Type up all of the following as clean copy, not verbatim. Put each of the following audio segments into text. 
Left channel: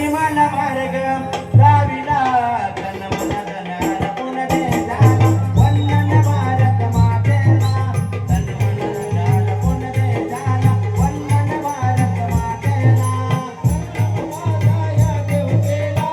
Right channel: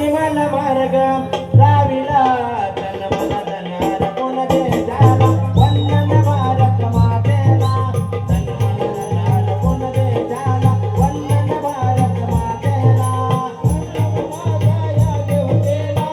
जीवन मार्ग लाविला तन मन धन अर्पण दे जाला वंदन भारत मातेला तन मन धन अर्पण दे जाला वंदन भारत मातेला या देवतेला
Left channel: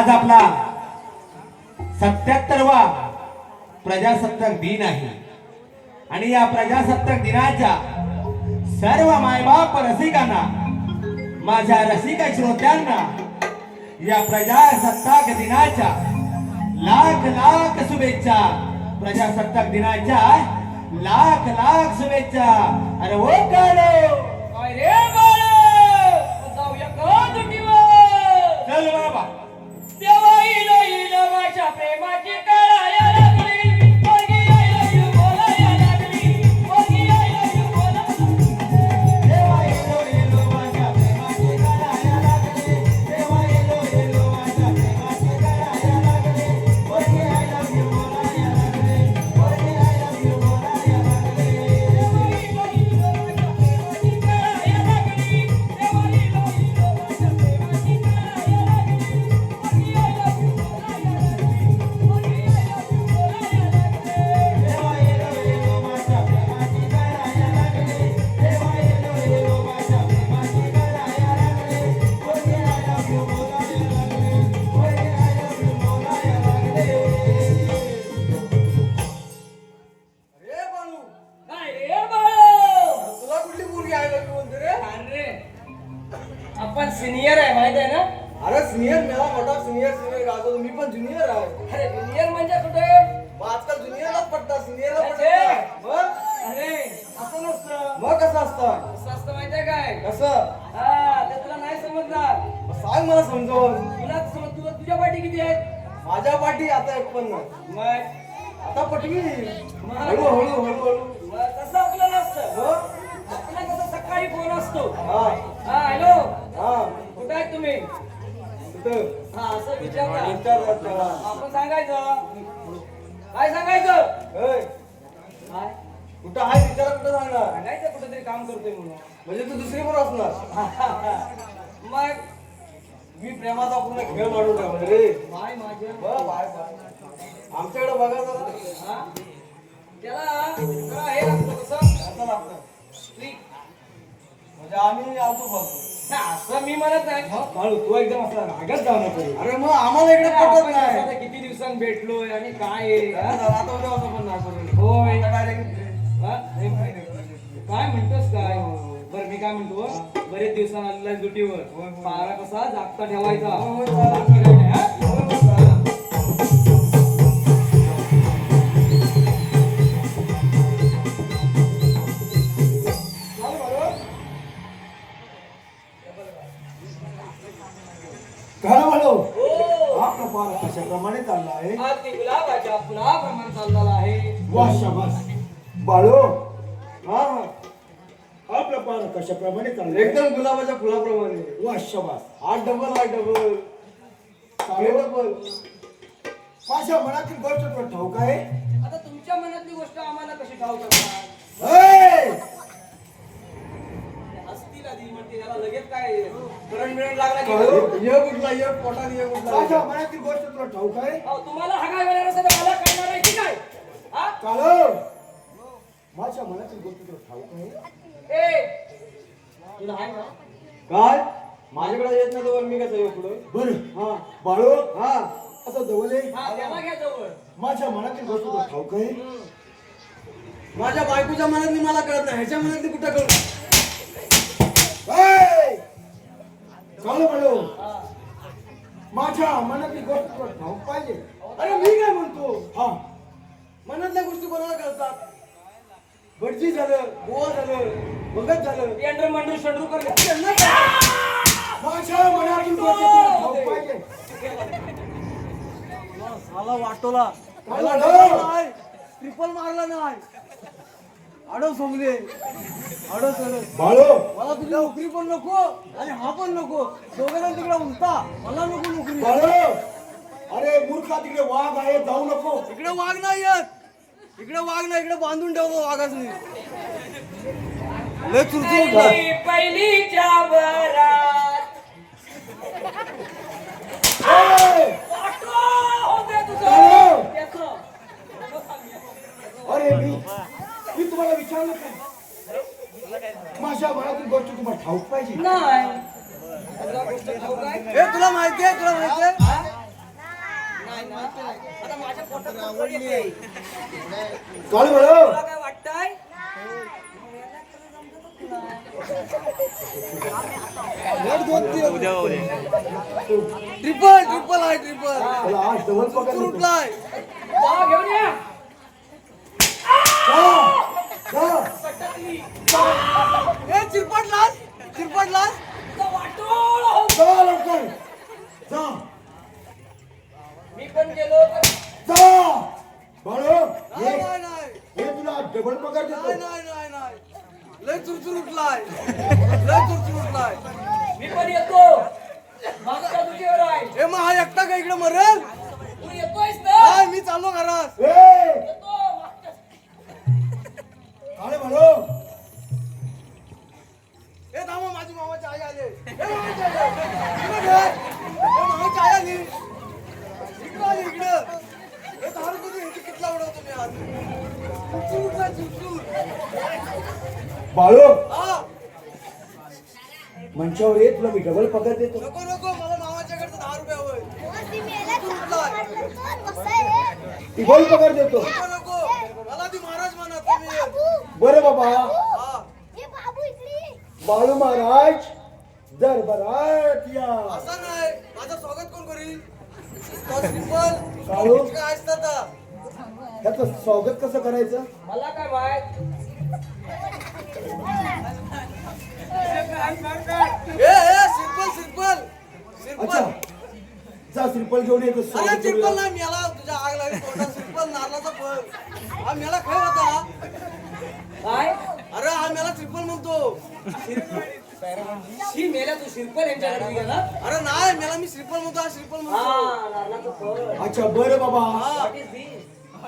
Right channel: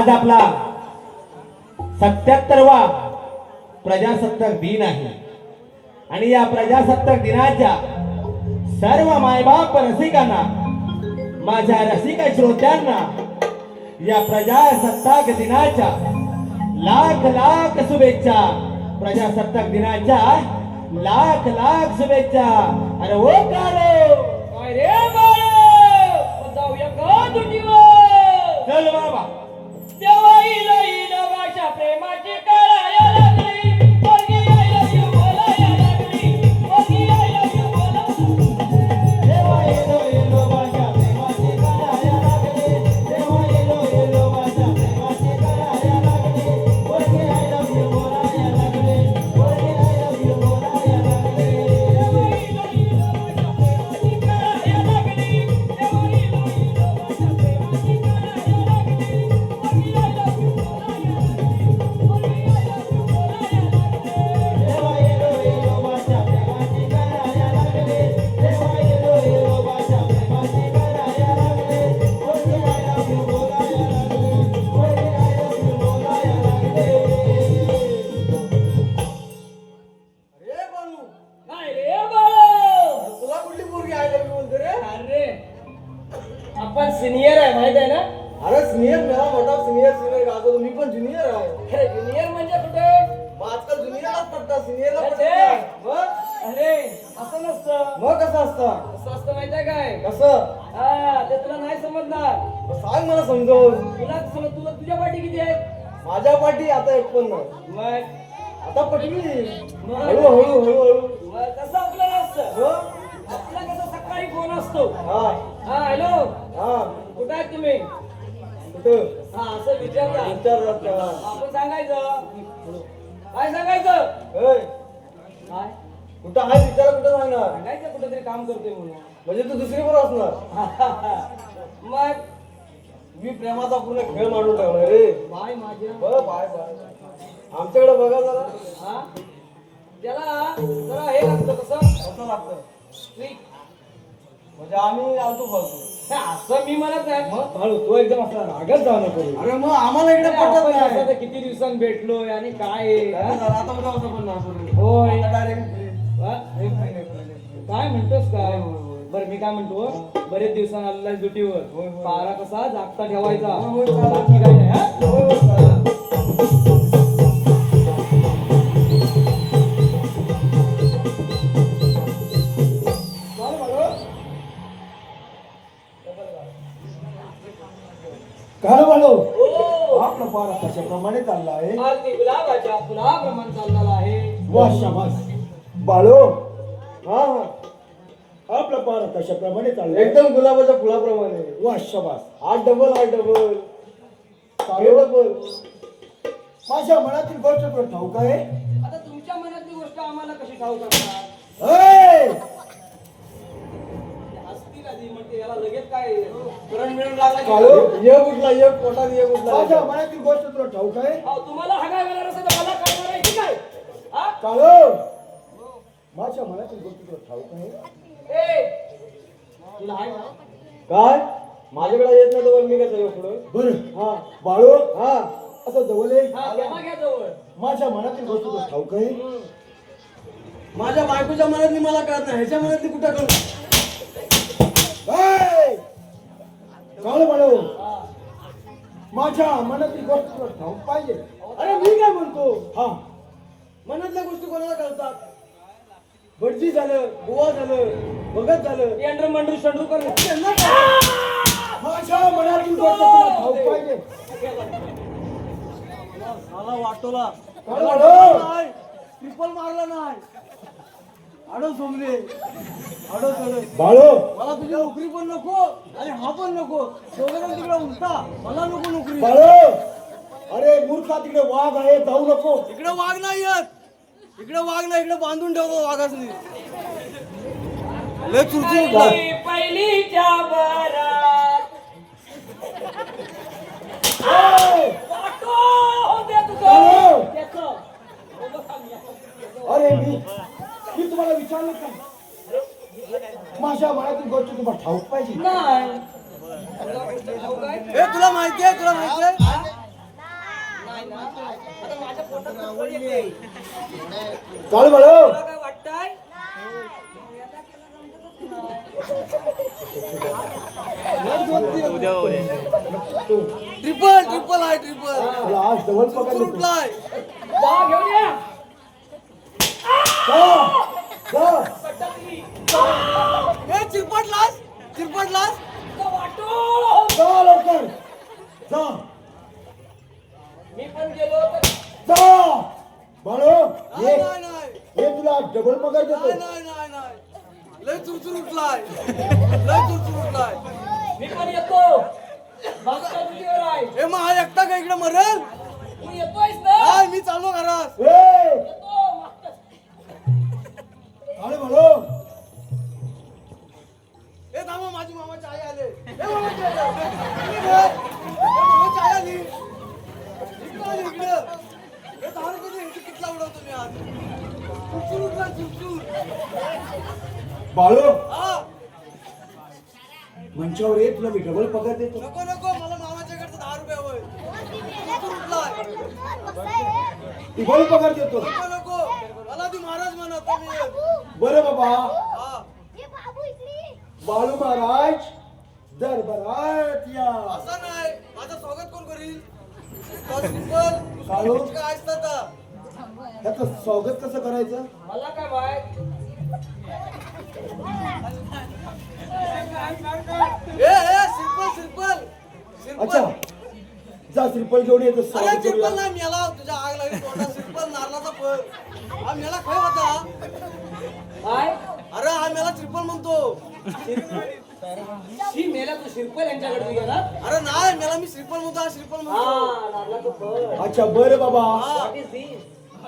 आज आपला 77वा प्रजासत्ताक दिन आहे आणि या प्रजासत्ताक दिनाच्या सर्व मायबाप रसिकांना, माझ्या रसिक श्रोत्यांना या प्रजासत्ताक दिनाच्या लाख लाख शुभेच्छा। प्रजासत्ताक दिनाच्या लाख लाख शुभेच्छा. अरे ओ काळो, काय रे बाळ जाऊया का दुटीवर चल बाबा. तेव्हा येईल माझ्या प्रेमाची कळाया लागली पोरगी I love you बोलाया लागली पोरगी I love you बोलाया देवा येलो येलो माझ्या प्रेमाची कराया लागले. देवा येलो येलो माझ्या प्रेमाची कराया लागले. पोरगी I love you बोलाया लागले. पोरगी I love you बोलाया लागले. देवा येलो येलो माझ्या प्रेमाची कराया लागले. देवा येलो येलो माझ्या प्रेमाची कराया लागले. पोरगी I love you बोलाया लागले. पोरगी I love you बोलाया लागले. अरे बाळू, काय रे बाळ तुला कुठली पोरगी आय लव्ह यू म्हणते रे? अरे आपण सिनियर आहे माहित आहे ना अरे सिनियर मेला मोठा सिनियर गातो मी पण ज्युनियर आहे. अरे ज्युनियर म्हणजे कुठे मग आजकाल ज्युनियरलाच पडतं सिनियरला अरे पडत ते. नाही. मग अरे असं नसतं मग कसं असतं? असं असतं माहितीये काय कसं? हा ते तुला नाही समजणार मग सांग मला समजावून. तुला समज तुला तुझ्या पाठी किती आहे माझ्या पाठी आता 51. मग आता पटवी. मग? हळू हळू हळू हळू. मग तसं आपलं नसतं हं? आपला कसं सकाळी फोन असतो हा हा हॅलो हा कुठं आहे तुम्ही कुठं? हा असं विचारता विचारतात तेव्हा. आपण सांगायचं काय सांगायचं ओय, काय कुठं आहे विचारा कुठं सांगणार? सांगायचं कुठेतरी काम करतोय म्हणून म्हणजे तू दुसरी पण असणार. मग मी प्रेमाचा पूर्ण खेळ मांडून टाकणार रे. बाय माझे बाय बाय. आमच्याकडे बघा जरा. हा त्याला जरा हे लागतं कसं असं लागतं. स्ट्रिक म्हणजे आम्ही आलतो बघ. असं मी म्हणत नाही बाळू तू एकदम असा रागत जाऊ नको. अरे मग आम्हाला इकडे आपण पटत कसं नाही. आता किती दिवसांनी भेटलोय आणि काय आहे, हा? आता उद्या असं पण नाही करू. होय Direct हा? काय म्हणतोस काय बरं मी काय म्हणतो बरेच दिवसांनी आलेला दुटीवर पारा कसा जागता ठेवायचा बाकी काय नाही हा? काय म्हणलो हो. आपला पारा कशाप्रमाणे चालला आहे अगदी गुलाबाच्या फुलाप्रमाणे चाललेला आहे वा शाबास बाळो हा हा. आपला पारा कशाप्रमाणे चालला एकदम गुलाबाच्या फुलाप्रमाणे. वा शाबास आठ डबल आठ डबल. चालेल. डबल. माझ्या मनातील गोष्ट तुला ठाऊक आहे आता तुमच्या मनातली गोष्ट आम्हाला कशी ठाऊक असणार ए! असतील आधी म्हणजे याला लगेच काय करंट बिरंट लागला की? काळू, ये कुठला ये पोटात ये माझ्या कुठला. मनातील गोष्ट तुला ठाऊक आहे अहो, तुम्हाला हागाय वगैरे असेल तर मला काय करायची काय हा? काळो माझ्या मनातील गोष्ट तुला ठाऊक आहे ए, तुला आहे ना काय माझ्याकडे येत नाही तर मी कसं येऊ पुढं. बरं हा बाळो हा. असं जवळ ये. हा त्याला घ्या जवळ माझ्या मनातील गोष्ट तुला ठाऊक आहे माझ्या बायकोच्या मनातली मला कळत नाही ह्याच्या मनातली कुठं कळत. ए! काळो बाळो हा. माझ्या मनातली गोष्ट तुला ठाऊक पाहिजे अरे मी काय म्हणतो हा मनातल्या गोष्टी कोणाला कळतात. भटजी झालं गोवा झालं भगत झालं पेंढर मंडळ शंडू कर त्यांना कळतं. माझ्या मनातील गोष्ट तुला ठाऊक पाहिजे साला वाटोला त्याला डोळ. नाही ट्रिपल मारला नाही आडो सोमले आडो सोडो. बाळो मला तुझी नोकरी पण नको आणि हा पण नको दोघं तिकडे उलटा मला नको नोकरी. बाळो अरे मूर्खा तिकडे वाघ आहे जाऊ नको इकडे वाघ नाही येत इकडे वाघ नाही इकडे बांधून ठेवतो वाघाच नाही लय चुरचुर होता. पहिलीच्या बरात ए! ऑटो होते तुझं हॅलो. त्याचं. अरे मी तुम्हाला विचारलं काय माझ्या मनातील गोष्ट तुम्हाला ठाऊक पाहिजे नाही तुला गोष्ट ठाऊक आहे? ए तुला माहिती आहे तुला माहिती आहे नाही ना. आता माझ्या पोटात गडबड येते. काळ बाळो तुला काय वाटतंय ट्रिपल ट्रिपल आहे ट्रिपल तुला आज डबल पकडलं ग्रुपला आहे जा घेऊन या हा. नाही नाही नाही हे तुला डबल पगार नाही देतो. नाही नाही नाही लय चुरचुर उठलाय लय चुरचुर उठलाय मी पण येतो मागचा तुझ्यावर आहे हे मग हा एकटा का इकडे मरेल तू येतोयस ना नाही मी चाललो घरात ए, येतो मागचा काळे भाऊ, हे थांबा माझी मामाची आई आले हे मामाची आई आली. इकडे घे. हे मामाची आई आली इकडं आली इकडं हे थांब तुझी ह्याची किटला उडवतो मी आज चुरचुर उठला चुरचुर बाळू हा मंचावर ये, तुला मी डबल पगार देतो. नको नको मला मामाच्याकडचं 10 रुपये हवंय चुरचुर उठलाय डबल पगार देतो. नको नको मला ती महाराज म्हणत तुम्ही बरं बाबा, हा बाळू महाराज दरबारात या. असं नाही माझं स्वागत कोण करील प्रिन्सिपल काळू, काय असतात त्याचं स्वागत कसं करायचं? मला काय माहित सिंपल अच्छा, जा श्रीफळ घेऊन येतो. अरे स्वागत सिंपल करूया. नाही मेला तुझ्या आग लागली तोंडात सिंपल नारळाचा फळ हा मेला खाय होता काय अरे हा मेला ट्रिपल म्हणतो शी मेला तू शिरपल यांच्याकडे गेला अरे नाही मेला मी श्रीफल म्हणतो हा श्रीफल हा म्हणतो नारळाचं फळ अच्छा बरं बाबा, What is this?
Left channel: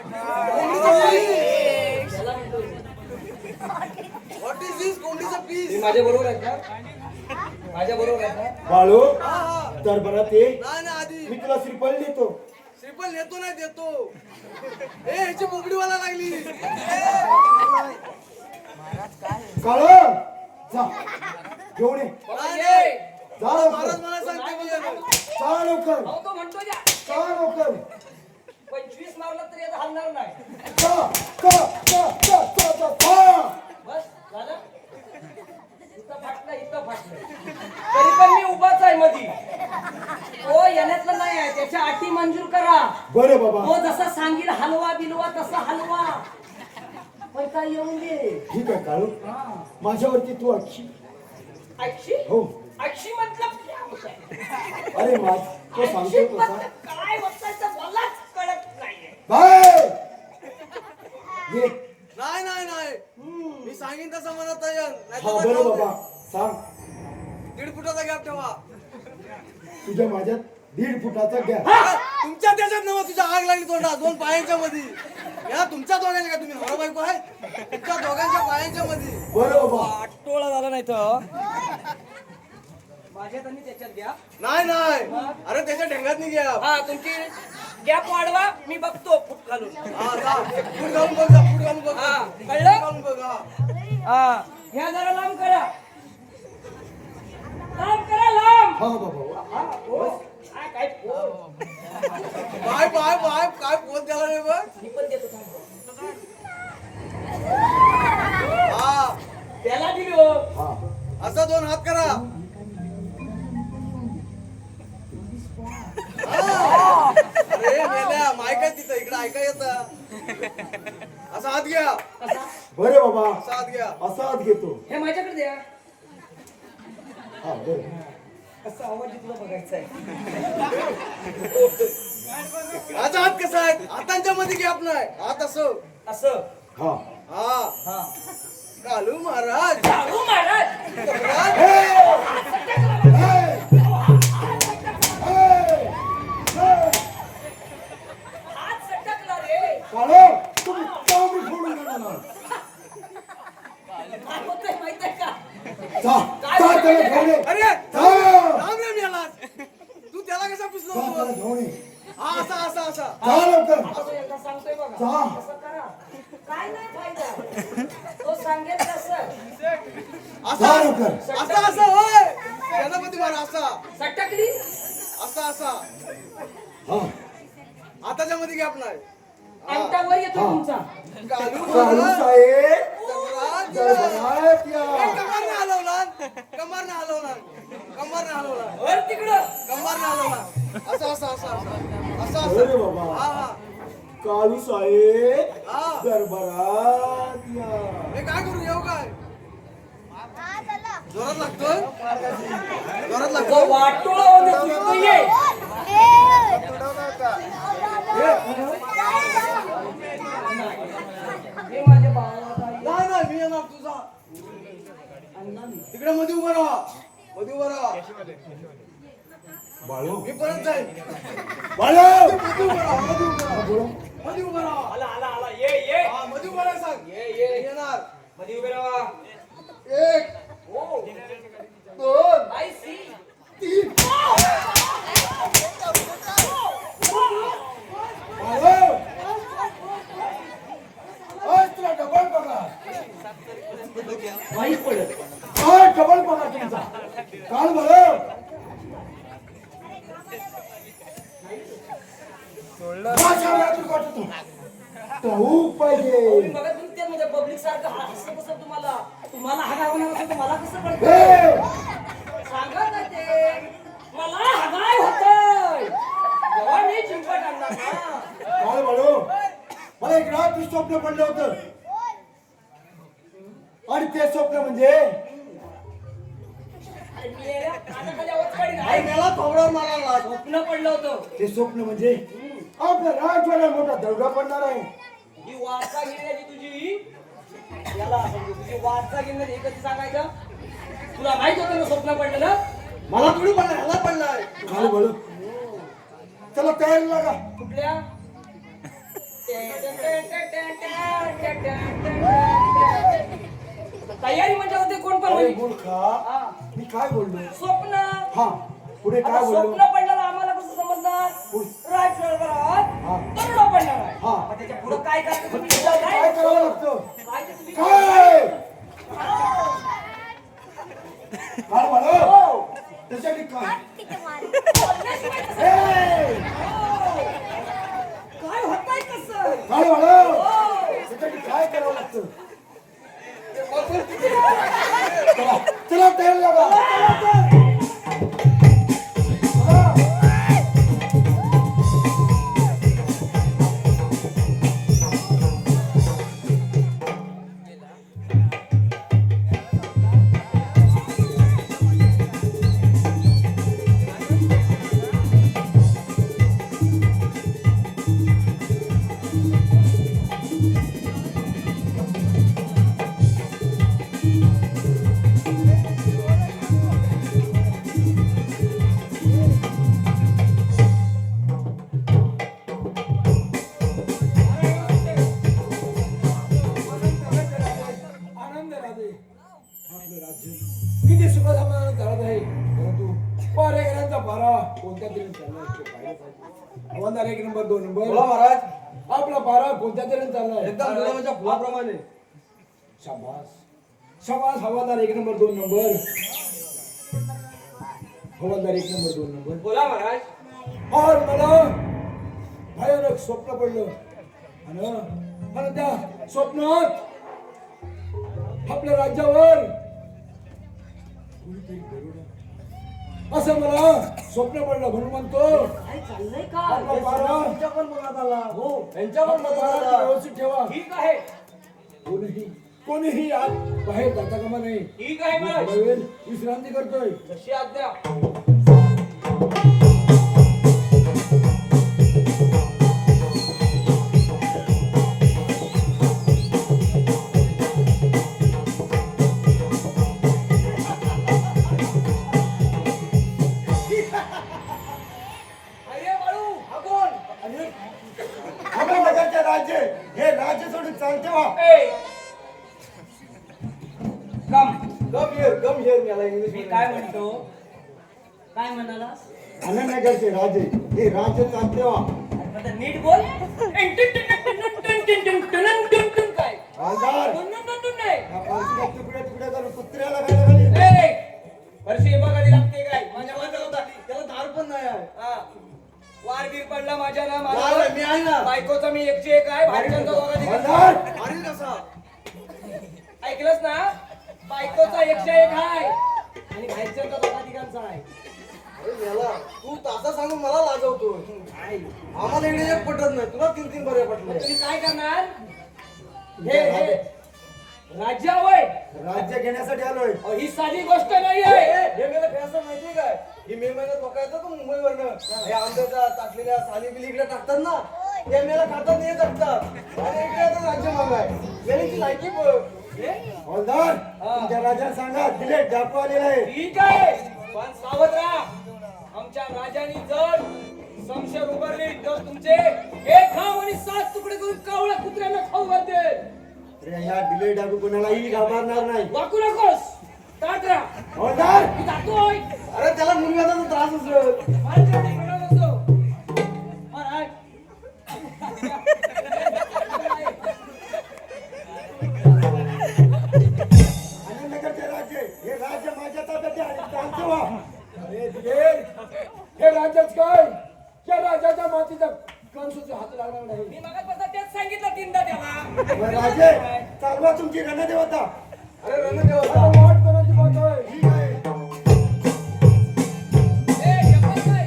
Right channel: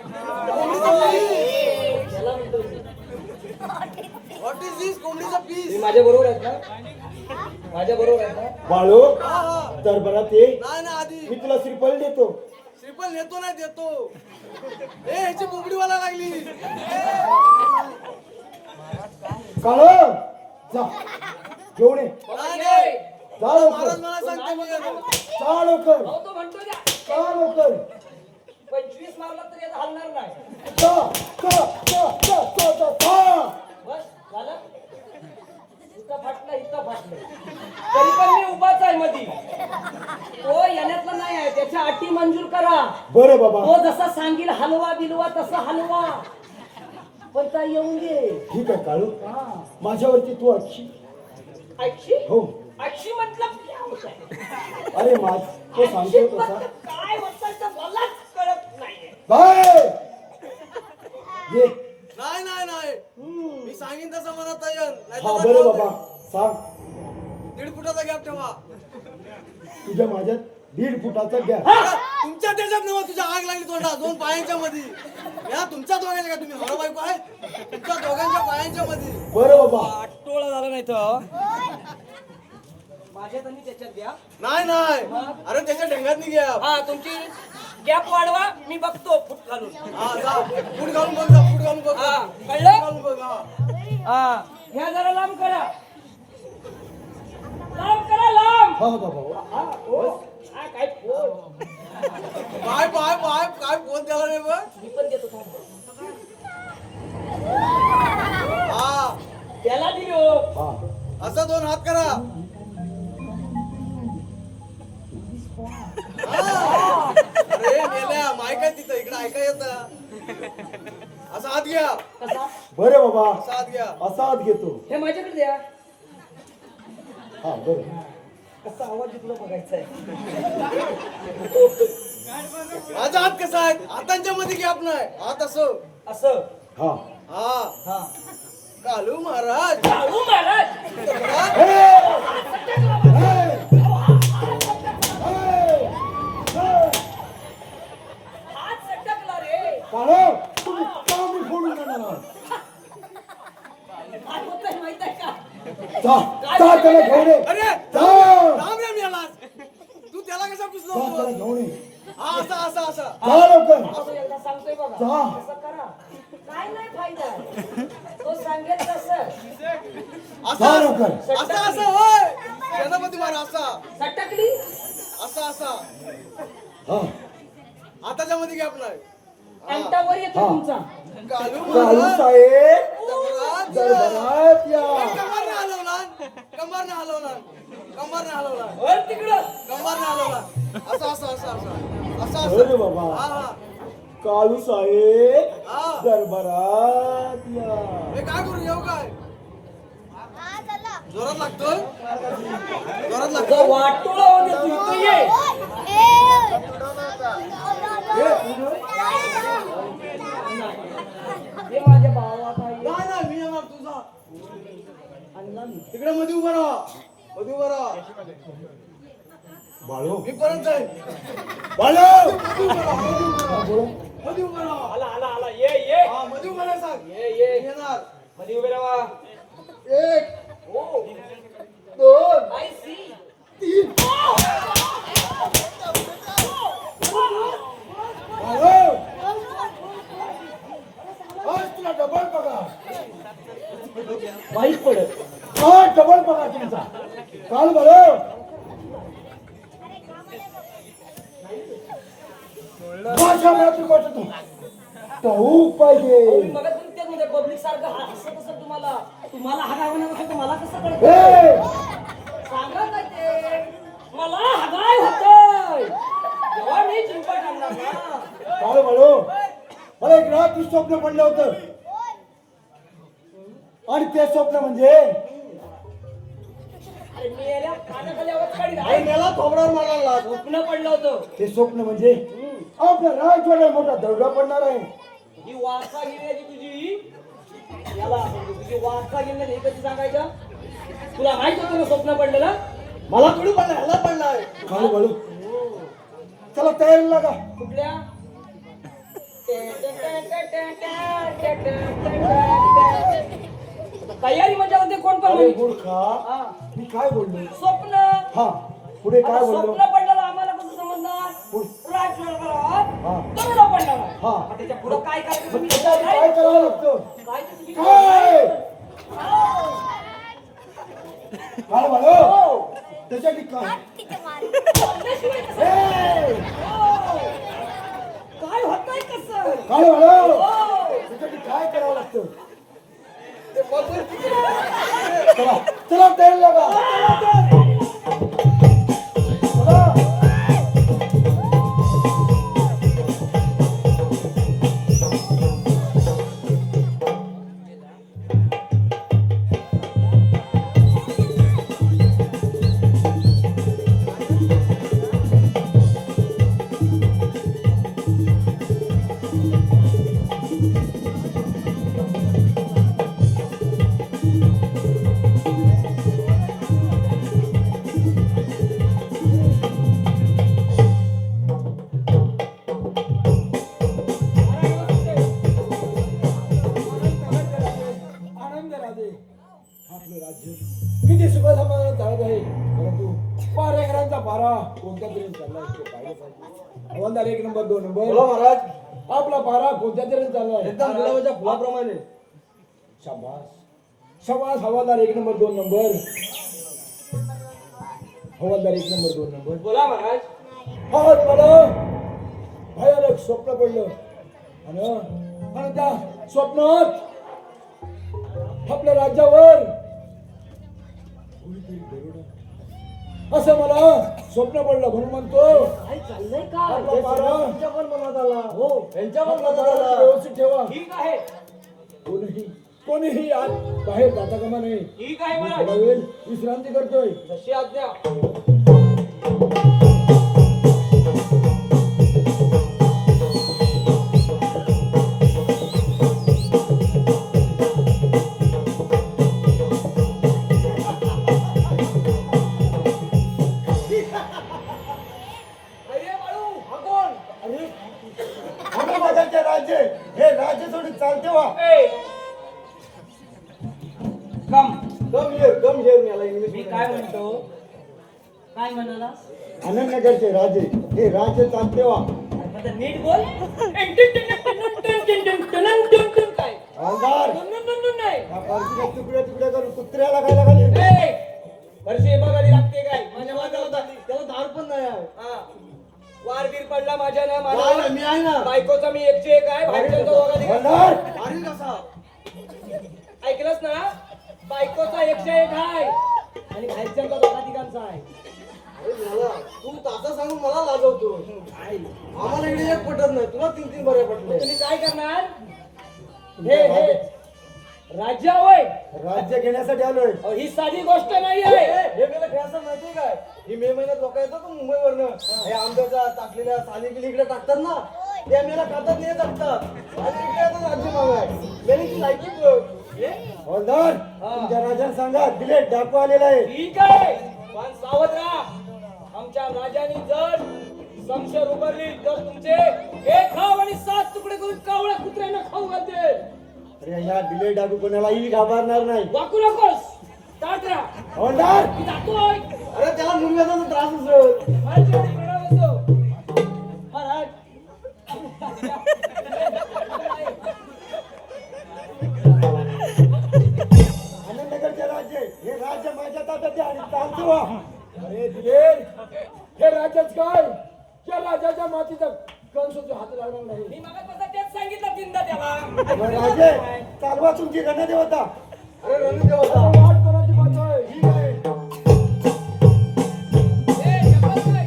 कोंबडीचा पीस त्याला म्हणतो व्हॉट इज दिस कोंबडीचा तुम्ही पीस माझ्या बरोबर आहेत ना माझ्या बरोबर आहेत ना बाळू हा हा दरबारात ये, नाही ना आधी मी तुला श्रीफळ देतो. श्रीफल नेतो नाही देतो ए ह्याची बोबडीवाला लागली काळू, जा घेऊन ये. नाही नाही जा मला लवकर. महाराज मला सांगते मला जा लवकर, अहो तो म्हणतो द्या जा लवकर. 25 मारलं तरी आता हलणार नाही जा, जा, जा, जा, जा, जा, जा. बस झालं इथं फाटलं तरी पण मी उभाच आहे मधी तो येण्यातला नाही आहे त्याच्या अटी मंजूर करा बरं बाबा, तो जसा सांगील हलवा बिलवा तसा हलवा पण काय येऊन दे ठीक आहे काळू, माझ्यावरती तू अक्षी. अक्षी हो, अक्षी मतलब क्या होता है अरे माझ तो अक्षी सांगतो तसा. मतलब काय होतं ते मलाच कळत नाहीये बाय ये. नाही नाही नाही मी सांगेन तसं म्हणत आहे नाही हा तर बरं जाऊ बाबा, दे. सांग. 1.5 फुटाचा गॅप ठेवा तुझ्या माझ्यात 1.5 फुटाचा गॅप. हा, तुमच्या त्याच्यात नव्हा तुझ्या आग लागली तोंडा 2 पायांच्या मध्ये या तुमच्या दोघांच्या का तुम्ही नवरा बायको आहे तुमच्या दोघांच्या पायांच्या मध्ये बरं बाबा, आटोळा झाला नाही तर माझ्या तुम्ही त्याच्यात घ्या नाही नाही अरे त्याच्या ढेंगात नाही घ्या हा तुमची गॅप वाढवा मी बघतो फुट घालून हा जा फूट घालून बघ जा, फूट घालून बघ हा, फूट कळलं? घालून बघ हा हा ह्या जरा लांब करा लांब करा लांब हा बाबा, हा, हो. काय फोन पाय पाय पाय काय फोन त्याला रे बघ मी पण देतो थांब. हा त्याला दिली हो हा. असा 2 हात करा हा. अरे मेल्या माईक आहे तिथं इकडे ऐका येत असा हात घ्या कसा बरं बाबा, असा हात घ्या असा हात घेतो. हे माझ्याकडे द्या हा बरं, कसा आवाज तुला बघायचा आहे माझा हात कसा आहे हातांच्या मध्ये गॅप नाही हात असं असं हा. हा हा कालू महाराज काळू महाराज तक्रार. हात सटकला रे काळू, तुम्ही का मी फोडून देणार? काय होतंय माहित आहे का जा, जा त्याला घेऊन ये. अरे जा. राम राम याला तू त्याला कसा पुसलो जा त्याला घेऊन ये. हा असा असा असा जा लवकर. असं एकदा सांगतोय बघा जा. असं करा काय नाही फायदा आहे. तो सांगेल तसं असा जा लवकर. असा असा होय सेनापती महाराज असा सटकली असा असा हा. हाताच्या मध्ये गॅप नाही अंगठा वर येतो हा. तुमचा कालू काळू महाराज साहेब तक्रार. दरबारात या. कमर न हलवला कमर न हलवला कमर न हलवला वर तिकडं कमर न हलवला असा असा असा असा असा बरं असा बाबा, हा हा काळू साहेब हा दरबारात या. हे काय करू येऊ काय जोरात लागतोय जोरात तो लागतोय वाटोळा म्हणजे तू इथं ये ये. तिकडे मध्ये उभं राहा. मध्ये उभं राहा. बाळू मी परत जाईन. बाळू मध्ये उभं राहा. मध्ये उभं राहा. मध्ये उभं राहा. आला आला आला ये हा, मध्ये उभं राहा सांग. ये ये मी येणार. मध्ये उभे राहा. 1 ओ 2 आय सी 3 तुला डबल बघा. माहित पडत हा डबल बघा तुमचा. काल बरं भाषा मात्र वाटतो ठाऊक पाहिजे. मग ते म्हणजे पब्लिक सारखं असं कसं तुम्हाला हगाय होणार असेल तर मला कसं कळतं हे, सांगा काय ते मला हगाय होतंय जेव्हा मी चिंपट आणणार ना काल बरं मला एक रात्री स्वप्न पडलं होतं आणि ते स्वप्न म्हणजे अरे मेल्या कानाखाली आवाज काढीन. अरे मेला थोबडावर मारायला स्वप्न पडलं होतं ते स्वप्न म्हणजे आपल्या राजवाड्यात मोठा दरोडा पडणार आहे. ही वारसा गेलेली तुझी याला म्हणजे तुझी वारसा गेलेली हे कधी सांगायचं तुला माहित होतं ना स्वप्न पडलेलं मला थोडी पडणार ह्याला पडणार काल बरं चला तयारी लागा. कुठल्या तयारी म्हणजे होते कोण पण अरे म्हणे? मूर्खा हा. मी काय बोललो स्वप्न हा पुढे काय आता बोललो स्वप्न पडणार आम्हाला कसं समजणार राजवाड्यात हा. दरोडा पडणार आहे हा. मग त्याच्या पुढे काय करायचं तुम्ही काय करावं लागतं काय ते तुम्ही काय काय म्हणो हो. त्याच्यासाठी काय बोलण्याशिवाय कसं? हे, काय होतंय कसं काय म्हणो हो. त्याच्यासाठी काय करावं लागतं चला चला तयारी लागा चला. आनंद राजे आपलं राज्य किती सुखसमाधान चालत आहे परंतु पारेकरांचा पारा कोणत्या तरी चाललाय ते पाहिलं पाहिजे. हवालदार 1 नंबर 2 नंबर महाराज आपला पारा कोणत्या तरी चाललाय एकदम गुलाबाच्या फुलाप्रमाणे. शाबास शाबास हवालदार 1 नंबर 2 नंबर हवालदार 1 नंबर 2 नंबर. बोला महाराज आज मला भयानक स्वप्न पडलं आणि त्या स्वप्नात आपल्या राज्यावर कोणीतरी दरोडा असं मला स्वप्न पडलं म्हणून म्हणतो काय चाललंय का आपला पारा पण मनात आला हो आपला पारा व्यवस्थित ठेवा. ठीक आहे कोणीही आज बाहेर जाता कामा नाही. ठीक आहे मी महाराज थोडा वेळ विश्रांती करतोय. जशी आज्ञा अरे बाळू हा कोण अरे आम्ही बदलचे राज्य हे राज्य सोडून चालते वा. ए कम कम हिअर मला इंग्लिश मी काय म्हणतो काय म्हणाला आनंदनगरचे राजे हे राज्य चालते वा. आता नीट बोल काय हवालदार नाही या पालखीला तुकडे तुकडे करून कुत्र्याला खायला घाली. वर्षी बघावी लागते काय माझ्या बाजूला होता त्याला दारू पण नाही आहे. हा. वारगीर पडला माझ्या ना नाही, माझ्या मी आहे ना. बायकोचा मी 101 आहे भांडण हवालदार मारील कसा ऐकलंस ना बायकोचा 101 आहे आणि घायच्यांचा दोघा तिघांचा आहे तू तासा सांगून मला लाजवतो. आम्हाला इकडे एक पटत नाही तुला 3 बरे मग पटले. तुम्ही काय करणार हे राज्यावय राज्य घेण्यासाठी आलोय. ही साधी गोष्ट नाही आहे हे मला फॅशन माहितीये काय ही मे महिन्यात लोक येतात मुंबईवरनं हे आंब्याच्या टाकलेल्या साली बिली इकडे टाकतात ना ते मेला खातात नाही टाकतात आणि इकडे आता राज्य मागाय मेल्याची लायकी हवालदार तुमच्या राजाला सांगा दिले डाकू आलेला आहे. ठीक आहे पण सावध राहा. आमच्या राजाने जर समशेर उभारली तर तुमचे एक खाव आणि 7 तुकडे करून कावळ्या कुत्र्यांना खाऊ घालते. अरे या दिले डाकू कोणालाही घाबरणार नाही. वाकू नकोस. ताट राहा. हवालदार मी जातोय. अरे त्याला मुंग्याचा त्रास असतो. माझ्याकडे प्रणाम असतो. महाराज आनंदनगरचे राज्य हे राज्य माझ्या ताब्यात आहे आणि चालतो व्हा. अरे दिले हे राज्याच काय त्या राजाच्या मातीचा कंसूचा हात लावणार नाही. मी मगाचपासून तेच सांगितलं तीनदा त्याला. बरं, राजे चालवा तुमची गणदेवता. अरे रणदेवता वाट कोणाची बात आहे. ठीक आहे. ए, शपथ काय?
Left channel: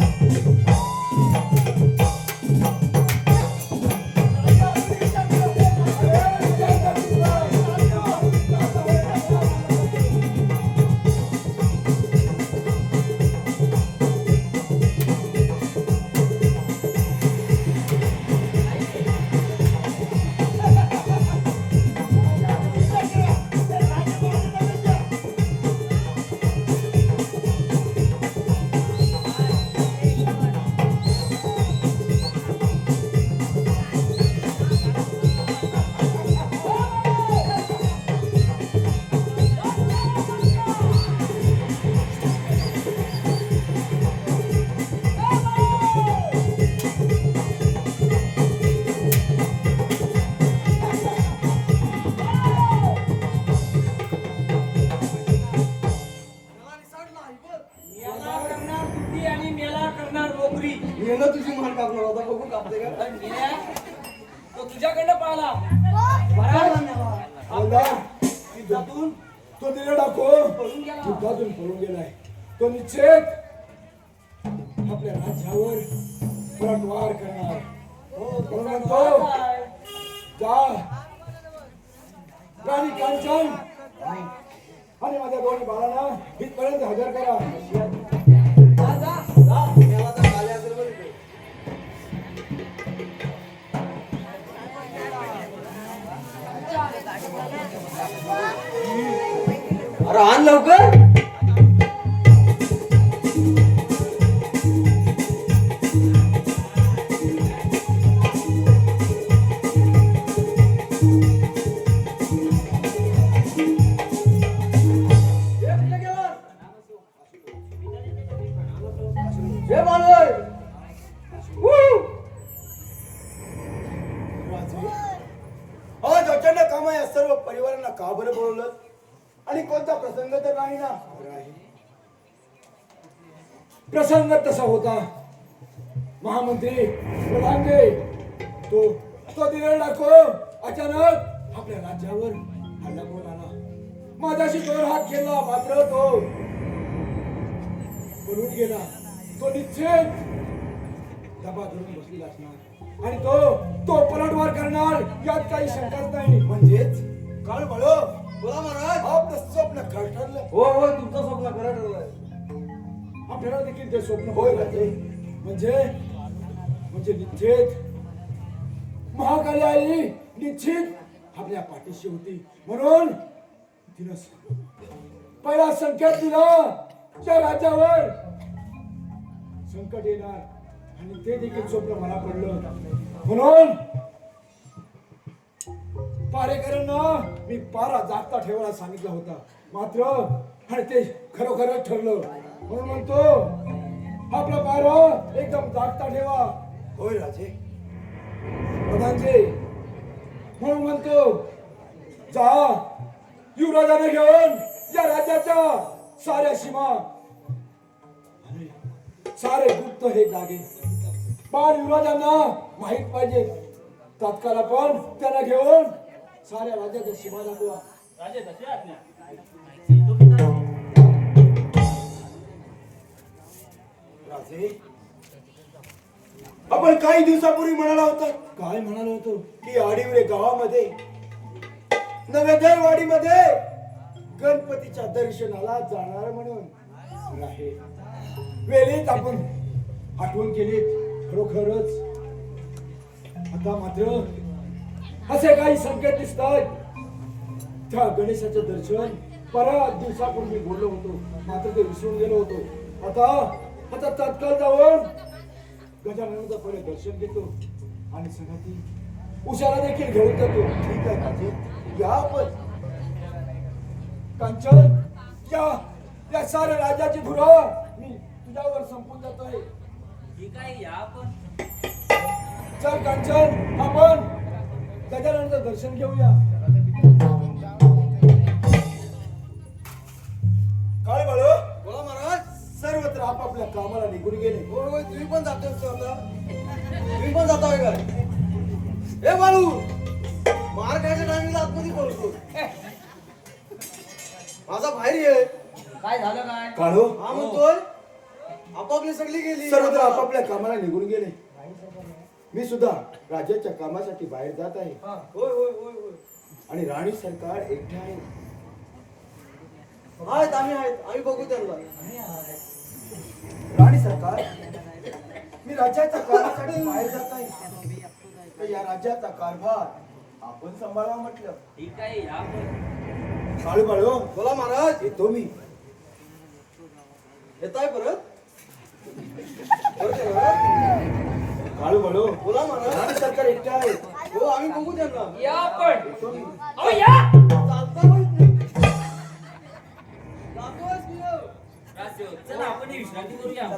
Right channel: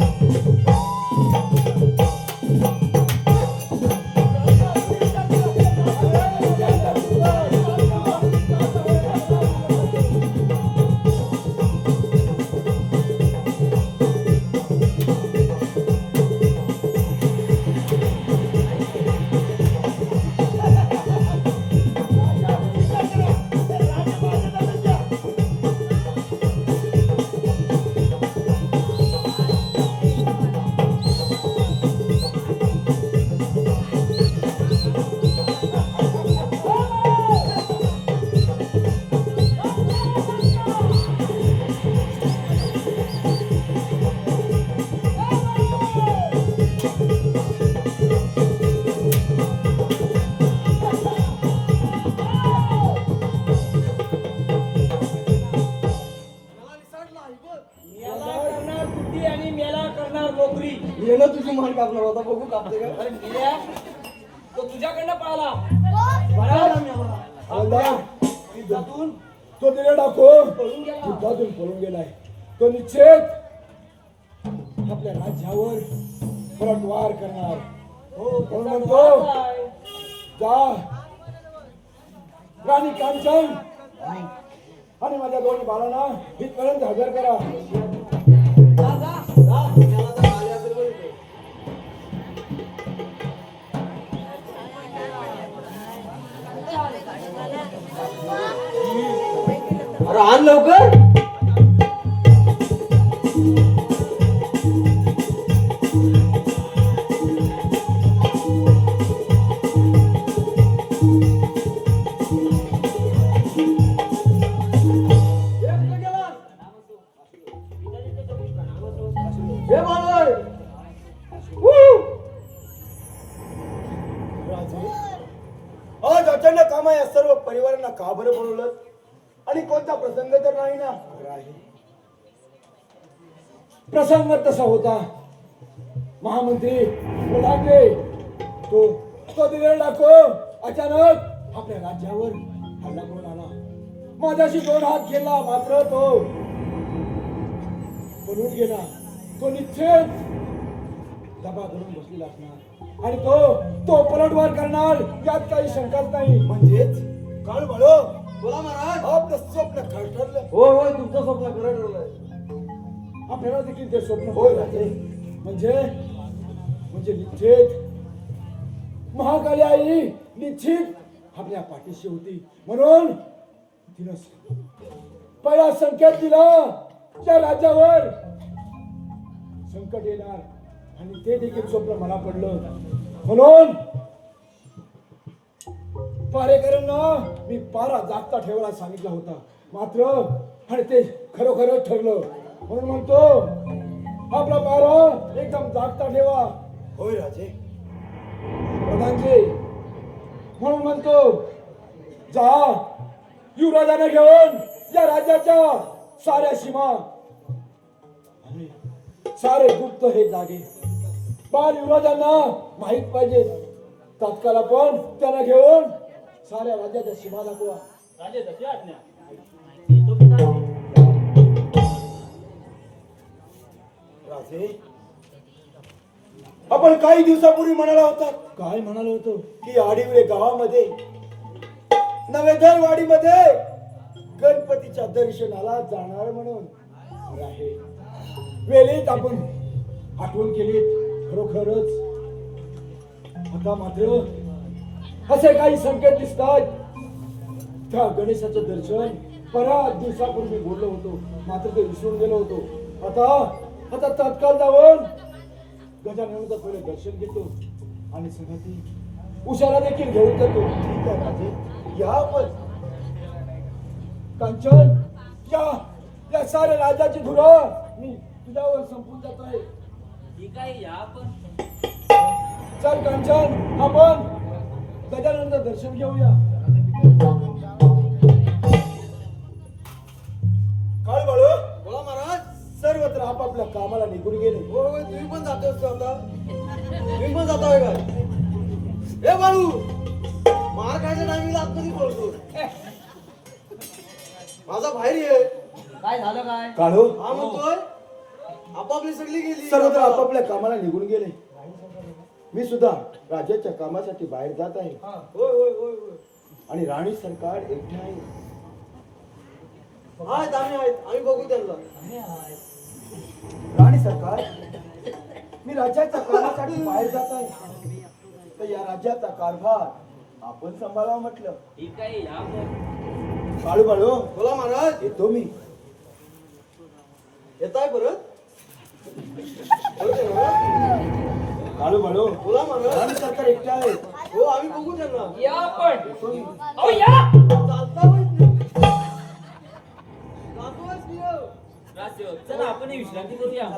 मेला करणार बुद्धी आणि मेला करणार नोकरी. येणं तुझी मान कापणार होता बघू कापते का. अरे मेल्या, तो तुझ्याकडनं पाहिला. हवालदार युद्धातून तो दिले डाको पळून गेला. युद्धातून पळून गेलाय. तो निश्चित आपल्या राज्यावर पलटवार करणार. म्हणून म्हणतो जा राणी कांचन आणि माझ्या दोन्ही बाळांना इथपर्यंत हजर करा. जा, जा. अरे आण लवकर. हे मानवर राजे आज अचानक कामा या सर्व परिवारांना का बरं बोलवलं आणि कोणता प्रसंग तर नाही ना. प्रसंग तसा होता महामंत्री प्रधानजी तो दिलेला डाको अचानक आपल्या राज्यावर हल्ला करून आला. माझ्याशी 2 हात केला मात्र तो पळून गेला. तो निश्चित दबा धरून बसलेला असणार आणि तो पलटवार करणार यात काही शंकाच नाही. म्हणजेच काळ बाळो बोला महाराज. आपलं स्वप्न खरं ठरलं. हो हो तुमचं स्वप्न खरं ठरलंय. आपल्याला देखील ते स्वप्न होय राहते. म्हणजे निश्चित महाकाली आई निश्चित आपल्या पाठीशी होती. म्हणून तिनं पहिला संकेत दिला त्या राज्यावर संकट येणार आणि ते देखील स्वप्न मला पडलं. म्हणून पारेकरांना मी पारा जागता ठेवायला सांगितला होता. मात्र आणि ते खरोखरच ठरलं. म्हणून म्हणतो आपला पारा एकदम जागता ठेवा. होय राजे. प्रधानजी म्हणून म्हणतो जा युवराजाने घेऊन या राज्याच्या साऱ्या सीमा आणि सारे गुप्त हे जागे पण युवराजांना माहित पाहिजे. तात्काळ आपण त्यांना घेऊन साऱ्या राज्याच्या सीमा दाखवा. राजे तशी आज्ञा. राजे आपण काही दिवसापूर्वी म्हणाला होता. काय म्हणालो होतो की आडिवरे गावामध्ये नव्या दरवाडीमध्ये गणपतीच्या दर्शनाला जाणार म्हणून राहे. वेळेत आपण आठवण केली खरोखरच. आता मात्र असे काही संकेत दिसतात त्या गणेशाचं दर्शन बऱ्याच दिवसापूर्वी बोललो होतो, मात्र ते विसरून गेलो होतो. आता तत्काळ जाऊन गजाननाचं पहिले दर्शन घेतो आणि सगळ्यात उशाला देखील घेऊन जातो. ठीक आहे राजे, या आपण. कांचन, या साऱ्या राजाची धुरं मी तुझ्यावर संपून जातोय. ठीक आहे या आपण. चल कांचन, आपण गजाननाचं दर्शन घेऊया. काय बाळू, बोला महाराज. सर्वत्र आपापल्या कामाला निघून गेले. होय होय, तुम्ही पण जाते आता. तुम्ही पण जाताय काय? हे बाळू, मार खायच्या टायमिंगला आतमध्ये बोलतो. माझा बाहेर ये. काय झालं काय? काळू, हा म्हणतोय आपापली सगळी गेली. सर्वत्र आपापल्या कामाला निघून गेले. मी सुद्धा राजाच्या कामासाठी बाहेर जात आहे हा, होय होय होय होय. आणि राणी सरकार एकटे आहे. आहेत आम्ही बघू त्यांना. राणी सरकार, मी राज्याच्या कामासाठी बाहेर जात आहे, तर या राज्याचा कारभार आपण सांभाळावा म्हटलं. ठीक आहे या आपण. काळू बाळू, बोला महाराज. येतो मी. येताय परत? परत येणार? काळू बाळू, बोला महाराज. राणी सरकार एकटे आहे. हो आम्ही बघू त्यांना. या आपण. येतो मी. अहो या. चालता माहित नाही. जातोयच की हो. राजसेवक, चला आपण ही विश्रांती करूया.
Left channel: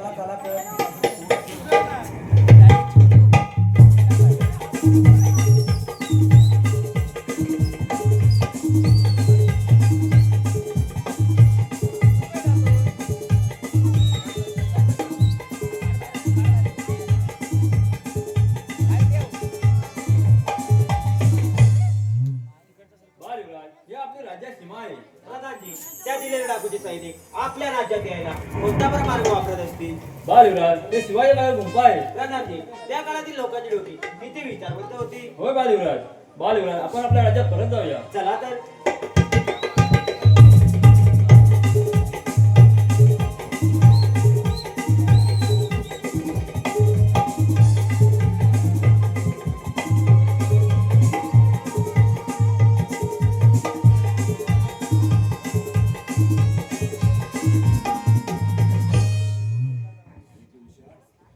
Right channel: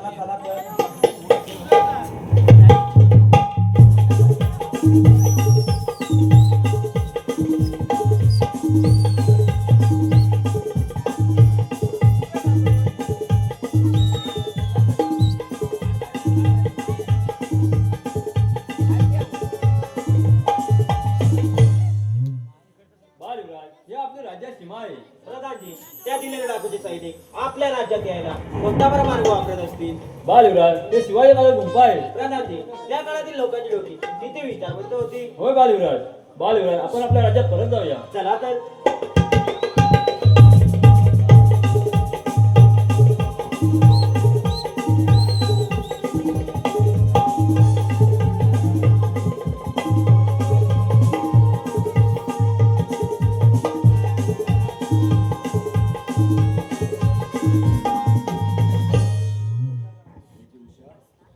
त्या दिलेल्या डाकूचे सैनिक आपल्या राज्यात यायला कोणता बरा मार्ग वापरत असतील? बालयुवराज, ते शिवाजीनगर गुंफा आहे. प्रणामजी, त्या काळातील लोकांची डोकी किती विचारवंत होती. होय बालयुवराज. बालयुवराज, आपण आपल्या राज्यात परत जाऊया. चला तर.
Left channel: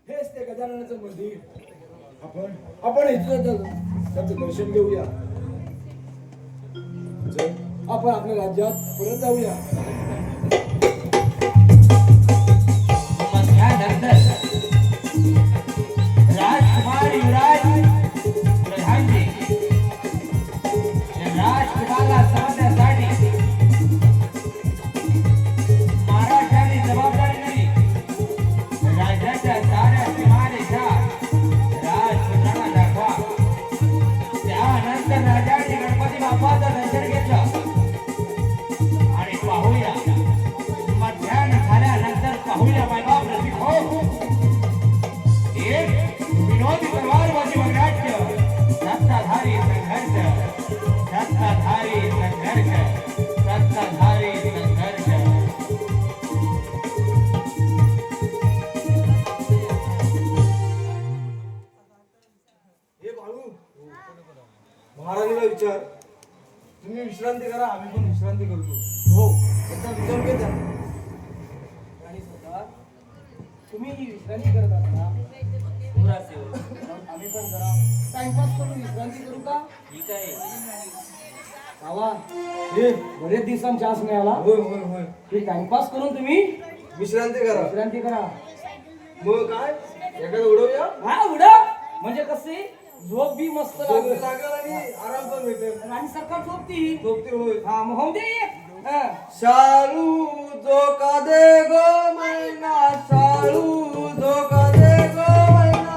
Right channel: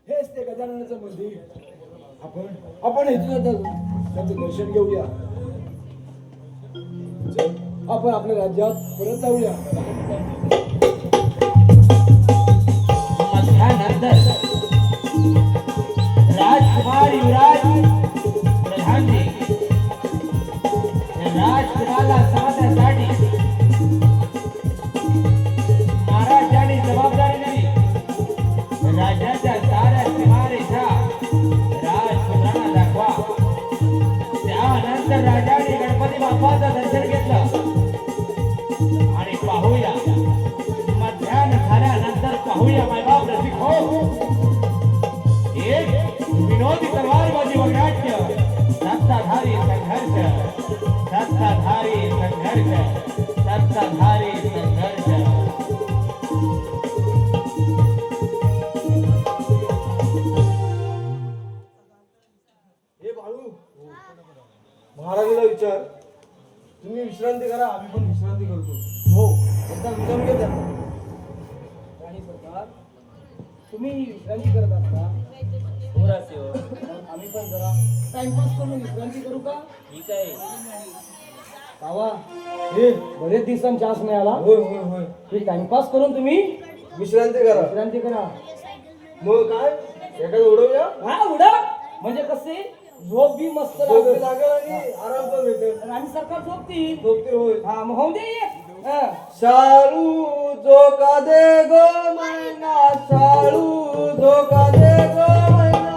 हेच ते गजाननाचं मंदिर. आपण इथं त्याचं दर्शन घेऊया. चल, आपण आपल्या राज्यात परत जाऊया. राजकुमार युवराज प्रधानजी राजकुमारला समजण्यासाठी महाराजांनी जबाबदारी दिली. राज्याच्या साऱ्या सीमारेषा राजपुत्रांना दाखवा. त्यानंतर राजाने गणपती बाप्पाचं दर्शन घेतलं आणि पाहूया, मध्याह्न झाल्यानंतर पाहूया वैभव रसिक हो. एक विनोदी तलवारबाजी व नाट्य, सत्ताधारी संघर्ष, सत्ताधारी संघर्ष, सत्ताधारी संघर्ष. हे बाळू, महाराजाला विचार. तुम्ही विश्रांती करा, आम्ही पण विश्रांती करतो. हो, एकदा विचारून घे त्यांना. राणी सरकार, तुम्ही ही विश्रांती करत असता, हो राजसेवक, आम्ही पण जरा टाइमपास करून विश्रांती करू का? ठीक आहे. बाबा, हे बरेच दिवसांची आस मिळाला. होय होय होय. हे टाइमपास करून तुम्ही विश्रांती करा. विश्रांती करा. मग काय एखादं उडवूया. हा उडा, म्हणजे कसे झोप बी मस्त झोप लागेल. लागेल आणि आराम पण भेटेल. राणी सरकार झोपतील. झोपते होय. हा मग होऊ दे एक. हा. शालू झोका दे गो मैना, शालू झोका दे गो मैना.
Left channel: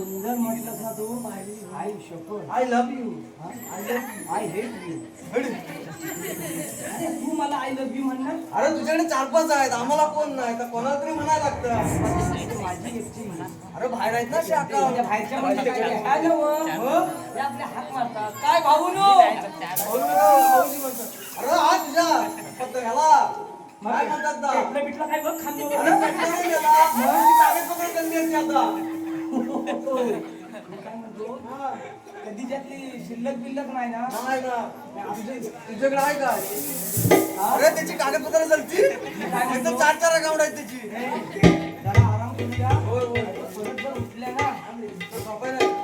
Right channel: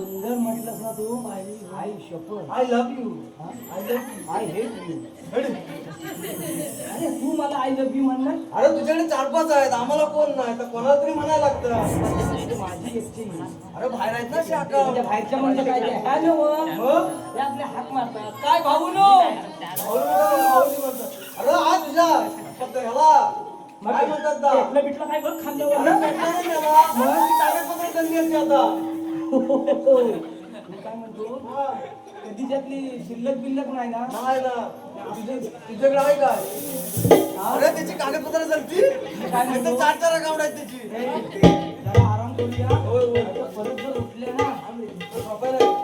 सुंदर म्हटलंस ना तू आई शपथ I love you I hate you अरे तू मला आय लव्ह यू म्हणणार अरे तुझ्याकडे 4-5 आहेत आम्हाला कोण नाही तर कोणाला तरी म्हणायला लागतं. माझी एकटी अरे बाहेर आहेत ना शाखा. म्हणजे बाहेरच्या म्हणजे काय ह्या नव ते आपले हात मारतात काय भाऊ नो भाऊजी म्हणतात. अरे हा तुझ्या फक्त ह्याला काय म्हणतात ना? पेटलं बिटलं काय बघ खाल्ल्यावर अरे भेटणार नाही त्याला. मग ती कागदपत्र त्यांनी येते आता. मी काय म्हणतो कधी त्यातली शिल्लक बिल्लक नाही ना नाही ना. तुझ्याकडे आहे काय? अरे त्याची कागदपत्र चलती काय म्हणतो? 4 अकाउंट आहेत त्याची. जरा आराम करूया होय होय. परत जर उठले ना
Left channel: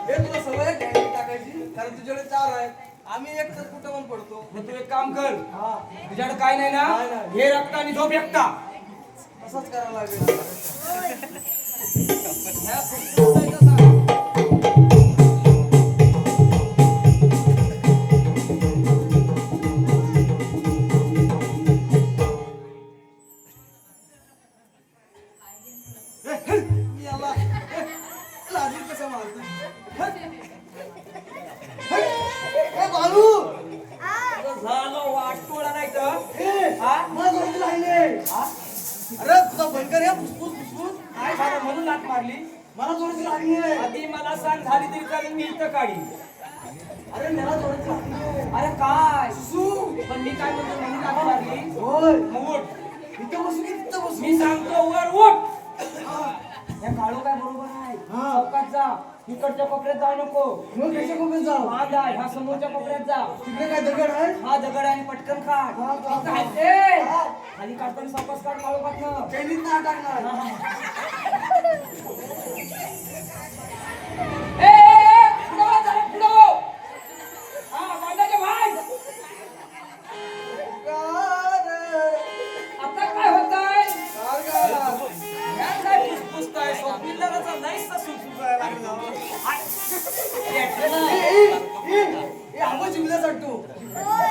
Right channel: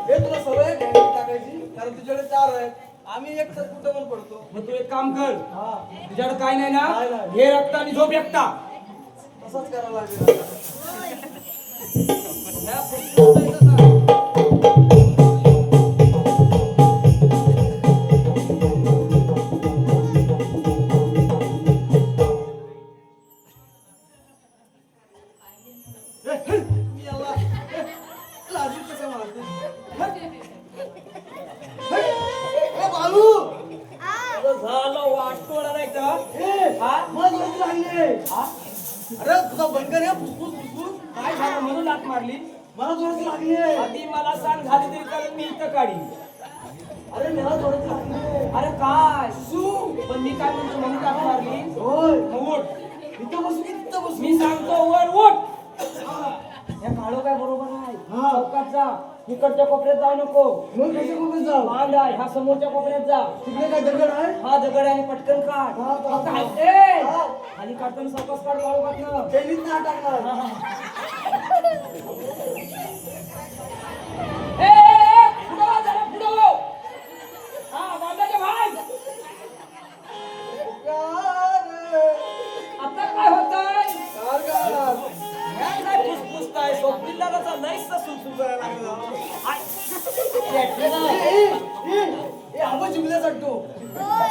हे तुला सवय आहे बँकेत टाकायची कारण तुझ्याकडे 4 आहेत. आम्ही एक तर कुठं पण पडतो. मग तू एक काम कर हा तुझ्याकडे काय नाही ना नाही, नाही. हे रक्त आणि झोप एकटा तसाच करावा लागेल. ह्या पुस्तकाचं सांग. याला लाजून कसा मारतोय? ए बालू झालं वाटतोडा नाही तर ए हा? मला जोराची लागली. हा? अरे तुझा बंद कर या फुसफुस फुसफुस. काय झालं म्हणून लात मारली मला जोराची लागली. आधी मला सांग झाली तरी कारण मी इथं काढी अरे मला जोराची लागली. अरे काय सू पण मी काय म्हणतो म्हणून लात मारली होय. मग उठ इथं बसू की तिथं बसू? मी सांगतो वर उठ हे काळू काय बरोबर आहे हा. चौकात जा इकडच्या कोपऱ्यात जाऊ नको मग कशा कोपऱ्यात जाऊ? बांध आहे ह्या समोरच्या कोपऱ्यात जा तिकडे काय दगड आहे? हा दगड आणि पटकन काढ हा, हा. फक्त हात दे. हा. खाली काढताना सावकाश काढ काळू पातनं कैलीत नाही टाकणार. पुढं हो, जरा पुढं हो. हा बांधाचे भाई आता काय होतंय ह्या काय फुसफुसताय स्वप्निलाचा लईचा सुलसुल करायला लागलं आय. आंबा जिंकल्या चाटतो.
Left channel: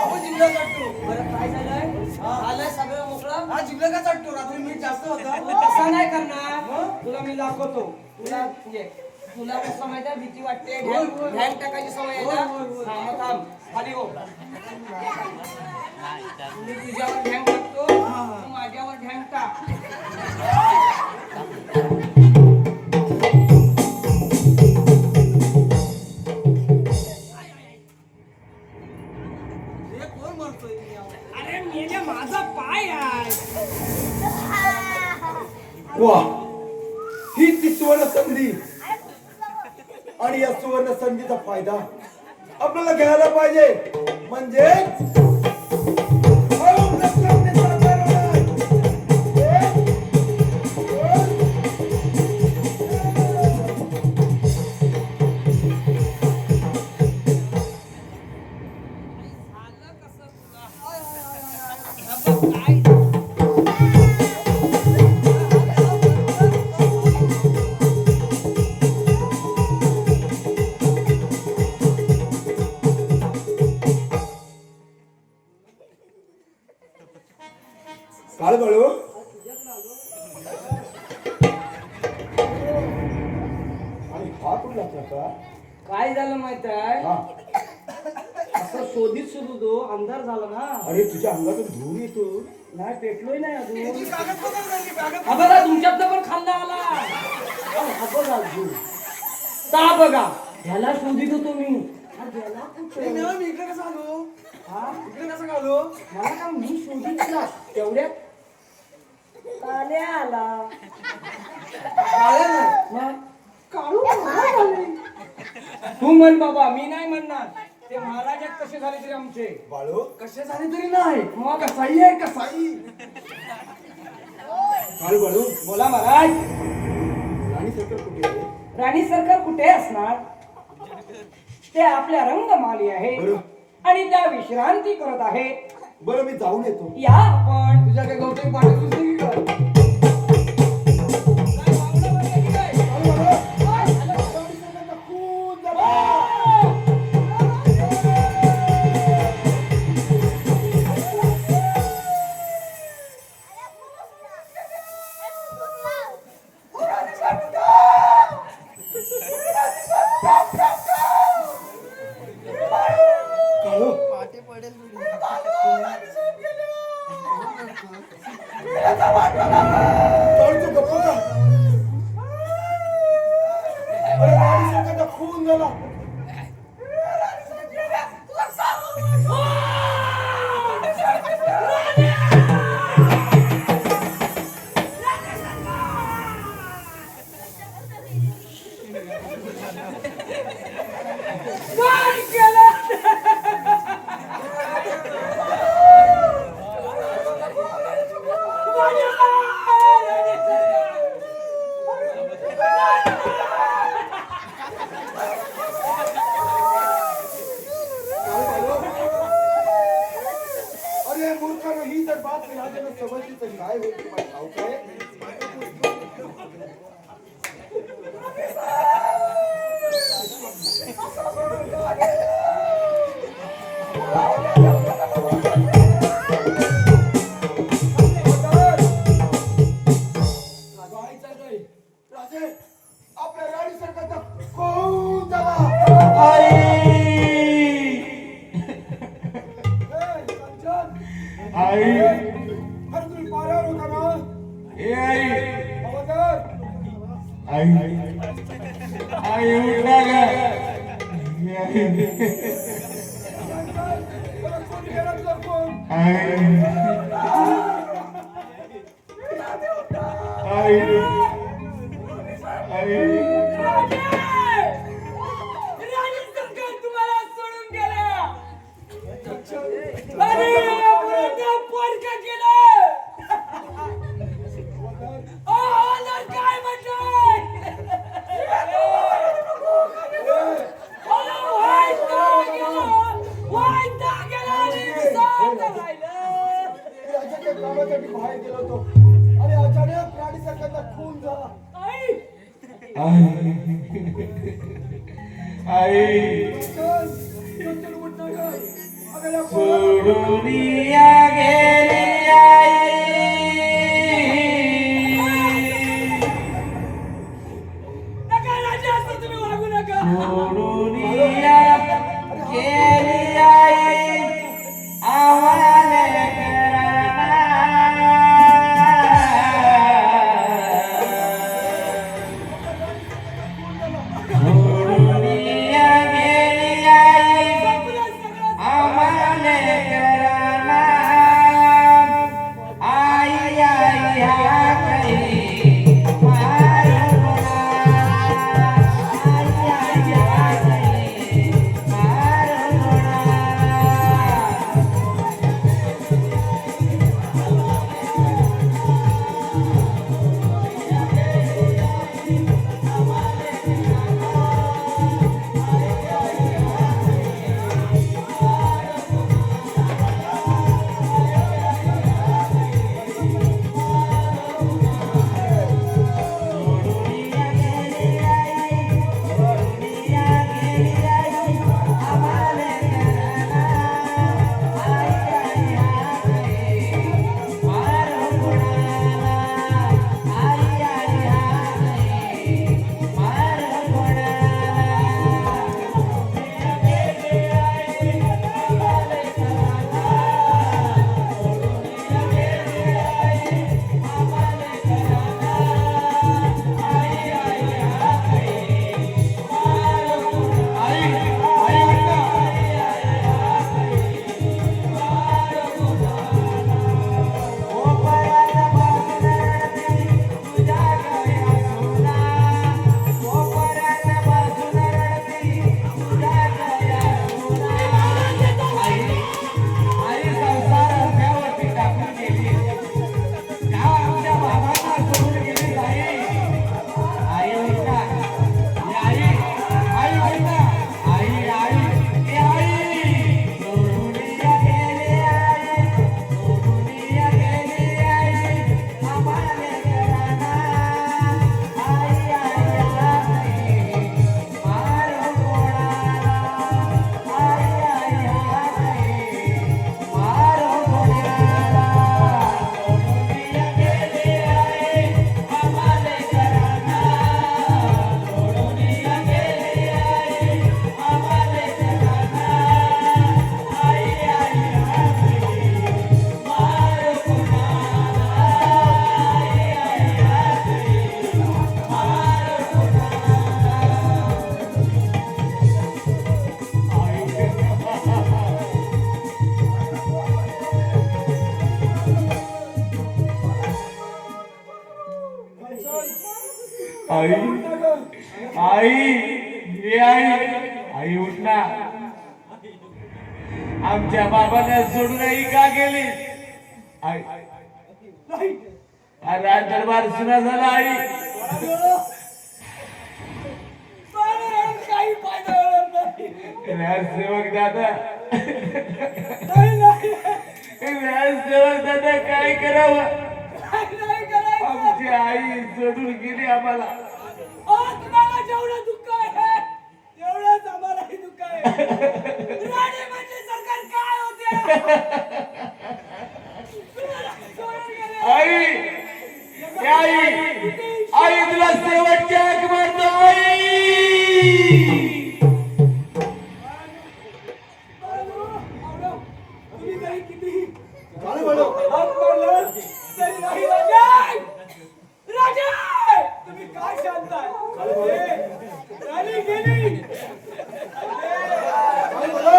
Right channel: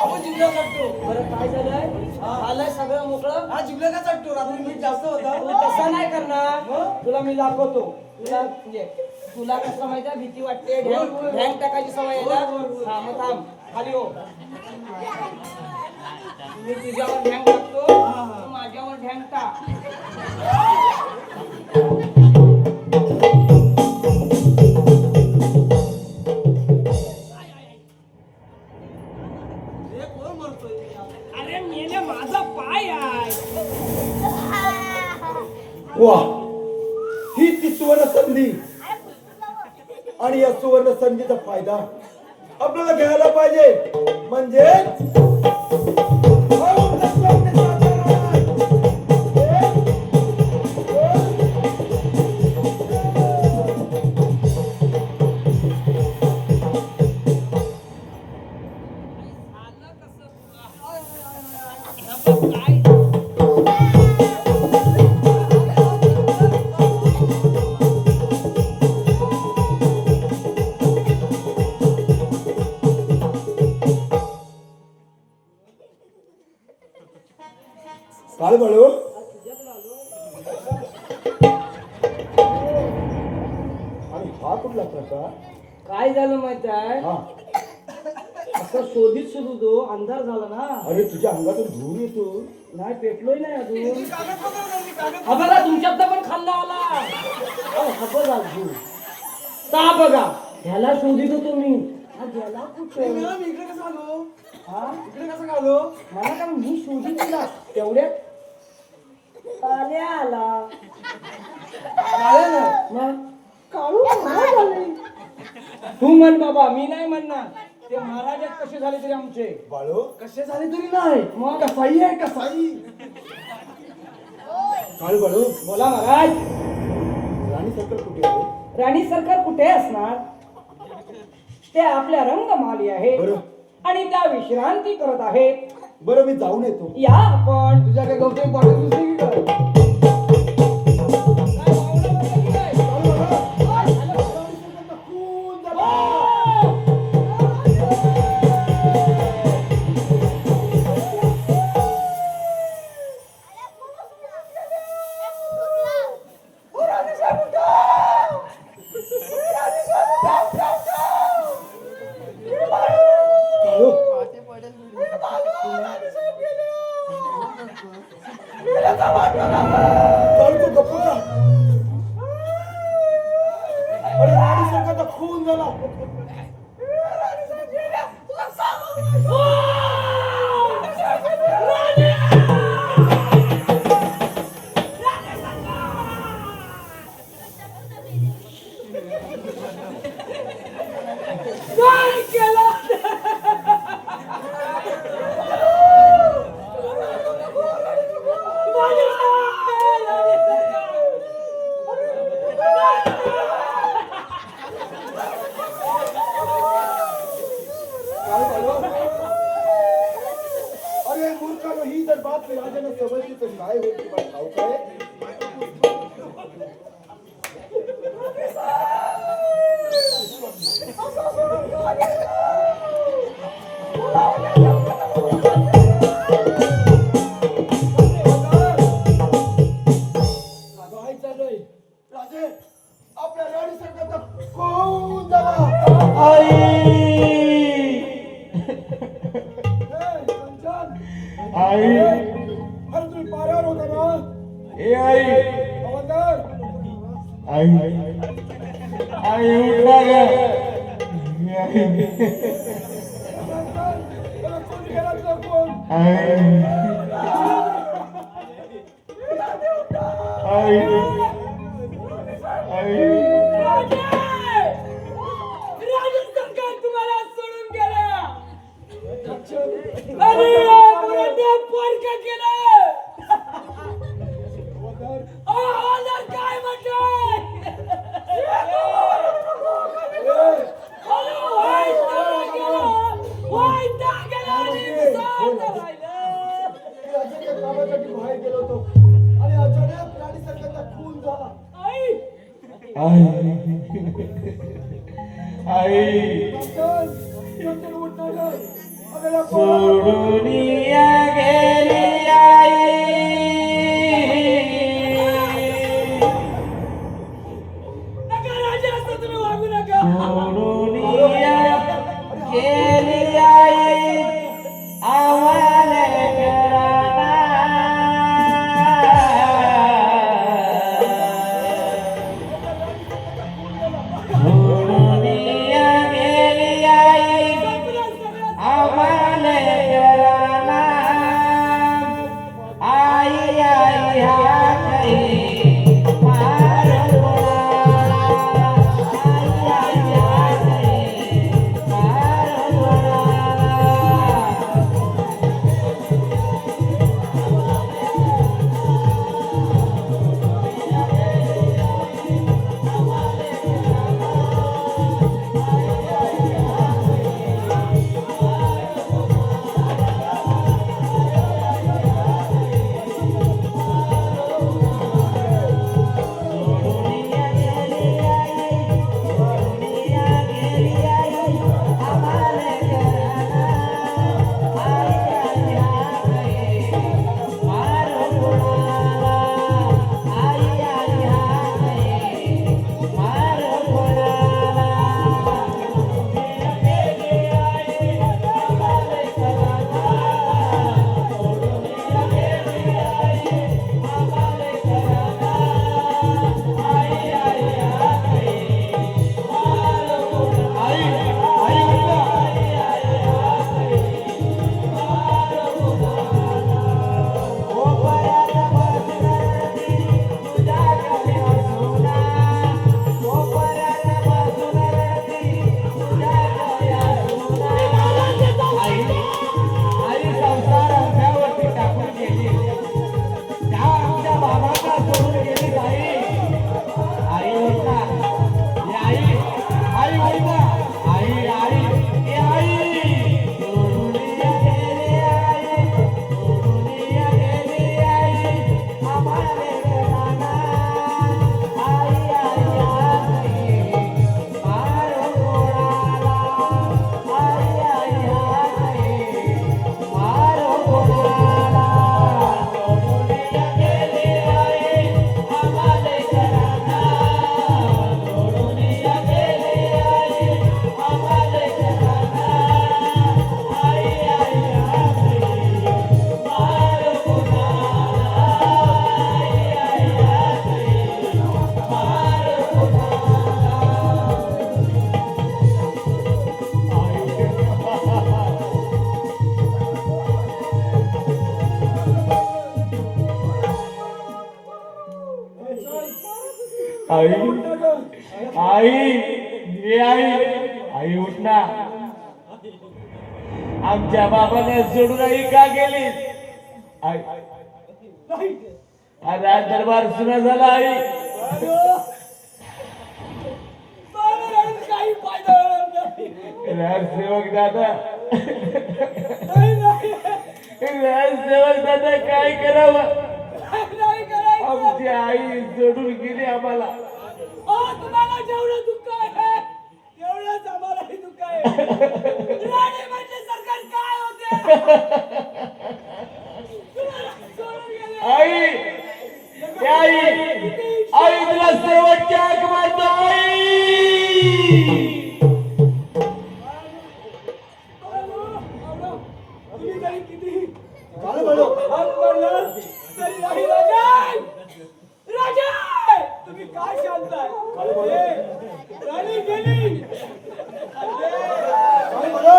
आंबा जिंकल्या चाटतो. बरं काय झालंय झालंय सगळं मोकळं हा जिंकल्या का चाटतो? रात्री मीठ जास्त होता. तू तसं नाही करणार तुला मी दाखवतो तुला म्हणजे तुला कसं माहिती आहे भीती वाटते ढॅंग टाकायची सवय आहे ना हा मग थांब खाली हो मी तुझ्यावर ढॅंग टाकतो तू माझ्यावर ढॅंग टाक हे कोण मारतोय? अरे मेल्या माझा पाय आहे वा ही ती सुवर्ण संधी आणि या सुवर्ण संधीचा फायदा आपल्याला घ्यायला पाहिजे म्हणजे काय बाळू आणि हा कुठला प्रकार काय झालं माहित आहे हा असं शोधित शोधतो अंधार झाला ना अरे तुझ्या अंगातून धूर येतो नाही पेटलोय नाही अजून हा बघा तुमच्यात पण खाल्ला आला अहो, हा बघा अजून. ता बघा ह्याला शोधित होतो मी हा गेला कुठे मी इकडे कसं आलो? हा इकडे कसं आलो? मला काय मी शोधित ना तेवढ्यात काल्या आला काळे नाही. मग काळू महाराज आले. तू म्हण बाबा मी नाही म्हणणार ते महाराज आहेत कसे झाले तरी आमचे बाळू कसे झाले तरी नाही. मग कसाई आहे कसाई. काय बाळू बोला महाराज राणी सरकार कुठे आहे राणी सरकार कुठे असणार ते आपल्या रंगमाली आहे बरं. आणि त्या विश्रांती करत आहेत बरं मी जाऊन येतो या आपण तुझ्या काही गवते वाटत दिसते की काय? काय वावडं वाटलं की काय? खून झाला. काय केलं अरे मूर्खानो, ही जर बातमी राजाला समजली तर काय होईल तुम्हाला ठाऊक आहे? काय चाललंय? राजे, आपल्या गाडी सरकारचा खून झाला. अरे तुम्ही पारावर होता ना? हवालदार, त्याला कोण गेला तुझा फोन? राज्य सरकार तुम्हाला सोडून गेलं. अरे मुलांना पोरकं केलं. हवालदार काय म्हणतोय? राजाच्या कामासाठी बाहेर गेलो होतो आणि अचानक गाडी सरकारचा खून झाला. चल, उठ ना गं. अगं, या पोराला- नका राजा, असं तुम्ही वागू नका. आई आई ये आई उठ ना. आमच्या बाबाने सोडून आई का गेली? आई राज दरबार सुना झाला. आई काही फायदा होणार नाही. सेवक दादा नाही, नाही. सेवक दादा काय करावं? नाही करायचं. आमची आई सोडून गेली आम्हाला. तुम्हाला जेवढं दुःख आहे तेवढंच आम्हालाही दुःख आहे. राणे म्हणजे सरकार काय होते? तुम्हाला सोडून गेले. आई आई तुला शेवटची हाक मारतो. तुम्ही तरी किती काय बोलो? हात मारलं तरी नाही. राजा तुम्ही काय शांताय? राणी गेली. काय बोलो?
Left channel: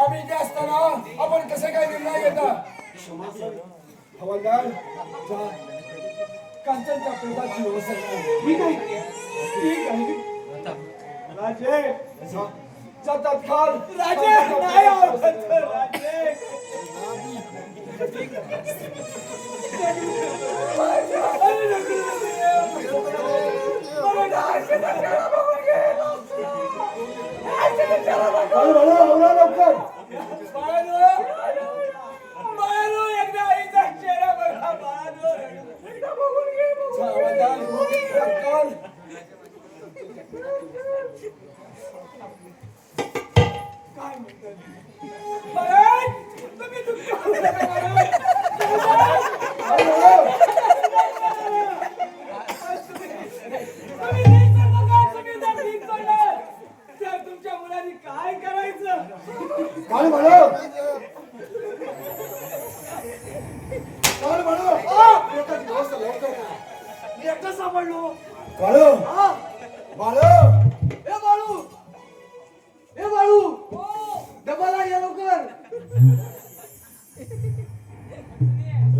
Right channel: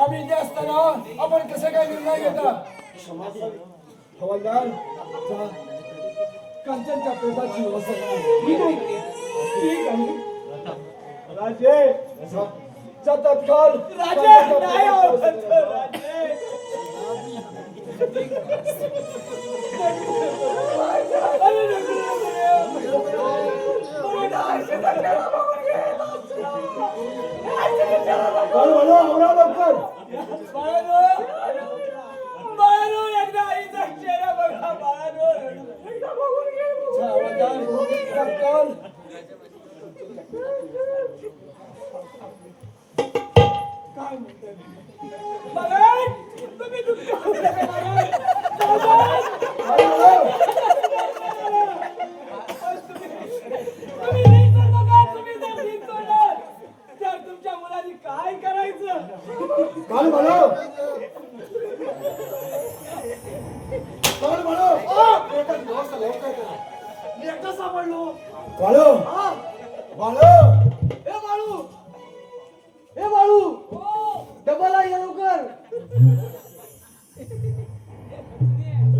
आम्ही इथे असताना आपण कसे काय निर्णय घेता? हवालदार जा. कांचनच्या प्रेताची व्यवस्था करा. ठीक आहे, ठीक आहे. राजे जा तत्काळ. राजे नाही आवडत. राजे लवकर बाळानो एकदा आईचा चेहरा बघा. बाळानो एकदा बघून घे. तत्काळ. काय म्हणतात? महाराज तुम्ही दुःख करू नका महाराज. तुम्ही नीट चालू नका. तुम्ही जर नीट चाललात तर तुमच्या मुलांनी काय करायचं? काय बोलो? काय बोलो? प्रेताची व्यवस्था लवकर करा. मी एकटा सापडलो. काळू हा बाळू ए बाळू, ए बाळू, डबल या लवकर.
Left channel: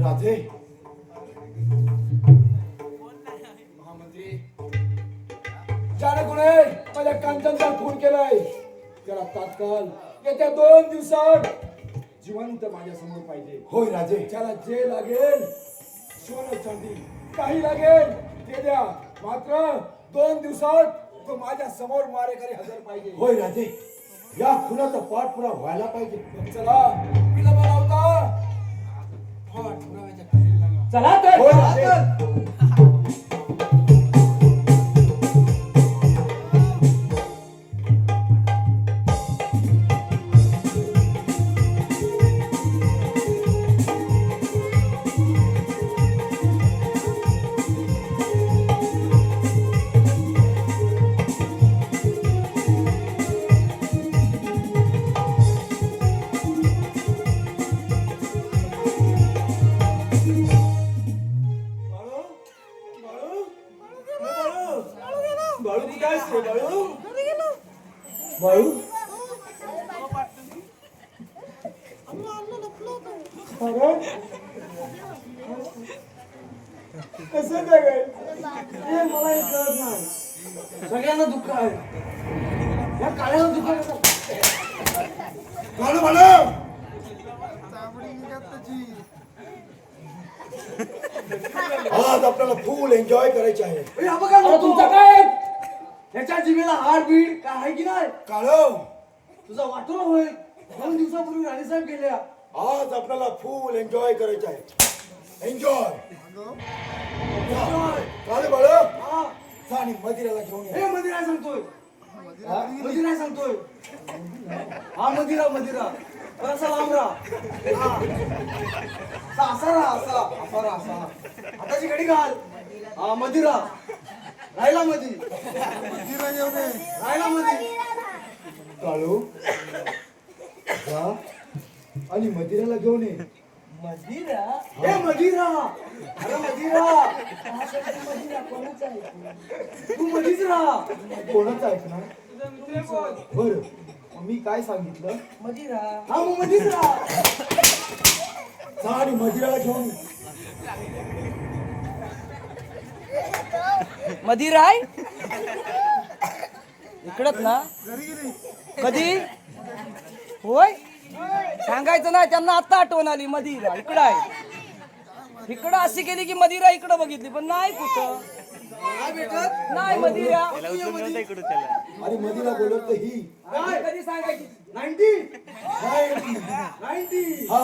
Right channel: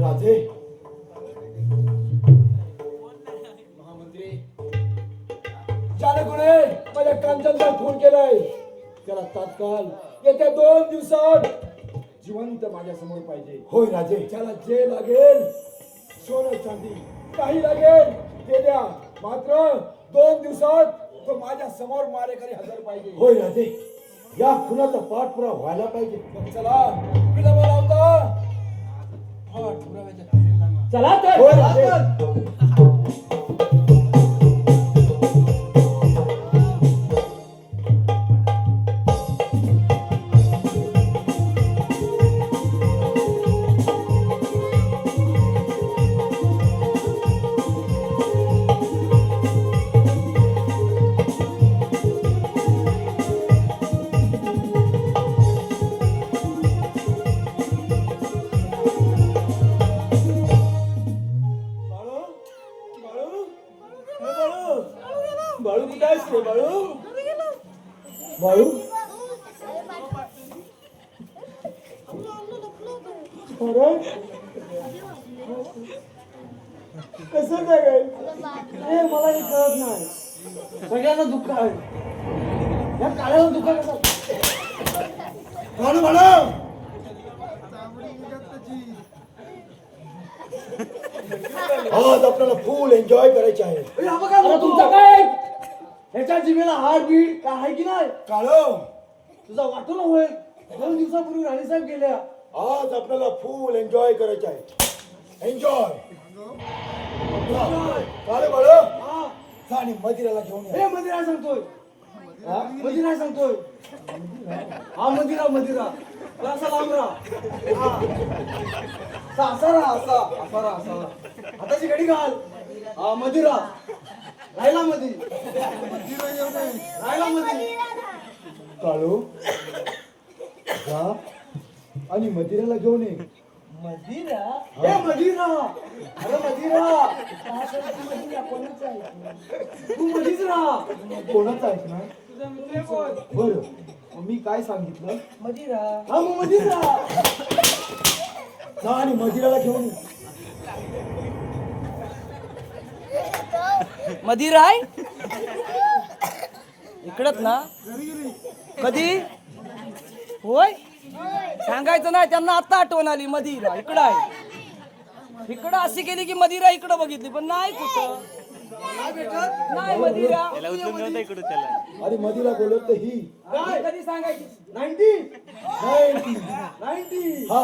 राजे महामंत्री ज्याने कुणे माझ्या कांचनचा खून केलाय त्याला तात्काळ येत्या 2 दिवसात जिवंत माझ्या समोर पाहिजे. होय राजे. त्याला जे लागेल सोनं चांदी काही लागेल ते द्या. मात्र 2 दिवसात तो माझ्या समोर मारेकरी हजर पाहिजे. होय राजे. या खुनाचा पाठपुरावा व्हायला पाहिजे. मग चला विलंब लावता पाठपुराव्याच्या तयारीला लागा. चला तर. होय राजे. बाळू कुठे आहेस रे बाळू? बाळू कसं काय रे? हे मला हे कळत नाही. सगळ्यांना दुःख आहे. या काळ्याला दुःख कसं? काळू बाळू आज आपल्याला फुल एन्जॉय करायचे आहे. ए, हा बघा अरे तुमचं नको. काय आहे? ह्याच्या जिभेला हाड बीड काय आहे की नाही? काळू तुझा वाटून होईल. 2 दिवसापूर्वी राणीसाहेब गेल्या. आज आपल्याला फुल एन्जॉय करायचे आहे. एन्जॉय. काळू बाळू हा जा आणि मदिराला घेऊन ये. हे मंदिरा सांगतोय. मंदिरा सांगतोय. हा मंदिरा मंदिरा असा लांब राहा. हा असा राहा असा राहा. हाताची घडी घाल. हा मंदिरा राहिला मधी. राहिला मधी. काळू जा आणि मदिराला घेऊन ये. मदिरा? हे मदिरा. अरे मदिरा. तू मधीच राहा. कोणाचं ऐकणार? ते बोल. बरं मी काय सांगितलं? मदिरा. हा मग मधीच राहा. जा आणि मदिराला घेऊन ये. मदिरा आहे इकडच ना कधी होय सांगायचं नाही त्यांना आता आठवण आली मदिरा इकडं आहे इकडं अशी केली की मदिरा इकडं बघितली पण नाही कुठं काय भेटत नाही मदिरा अरे मदिरा बोलत तर ही काय कधी सांगायची 90 हा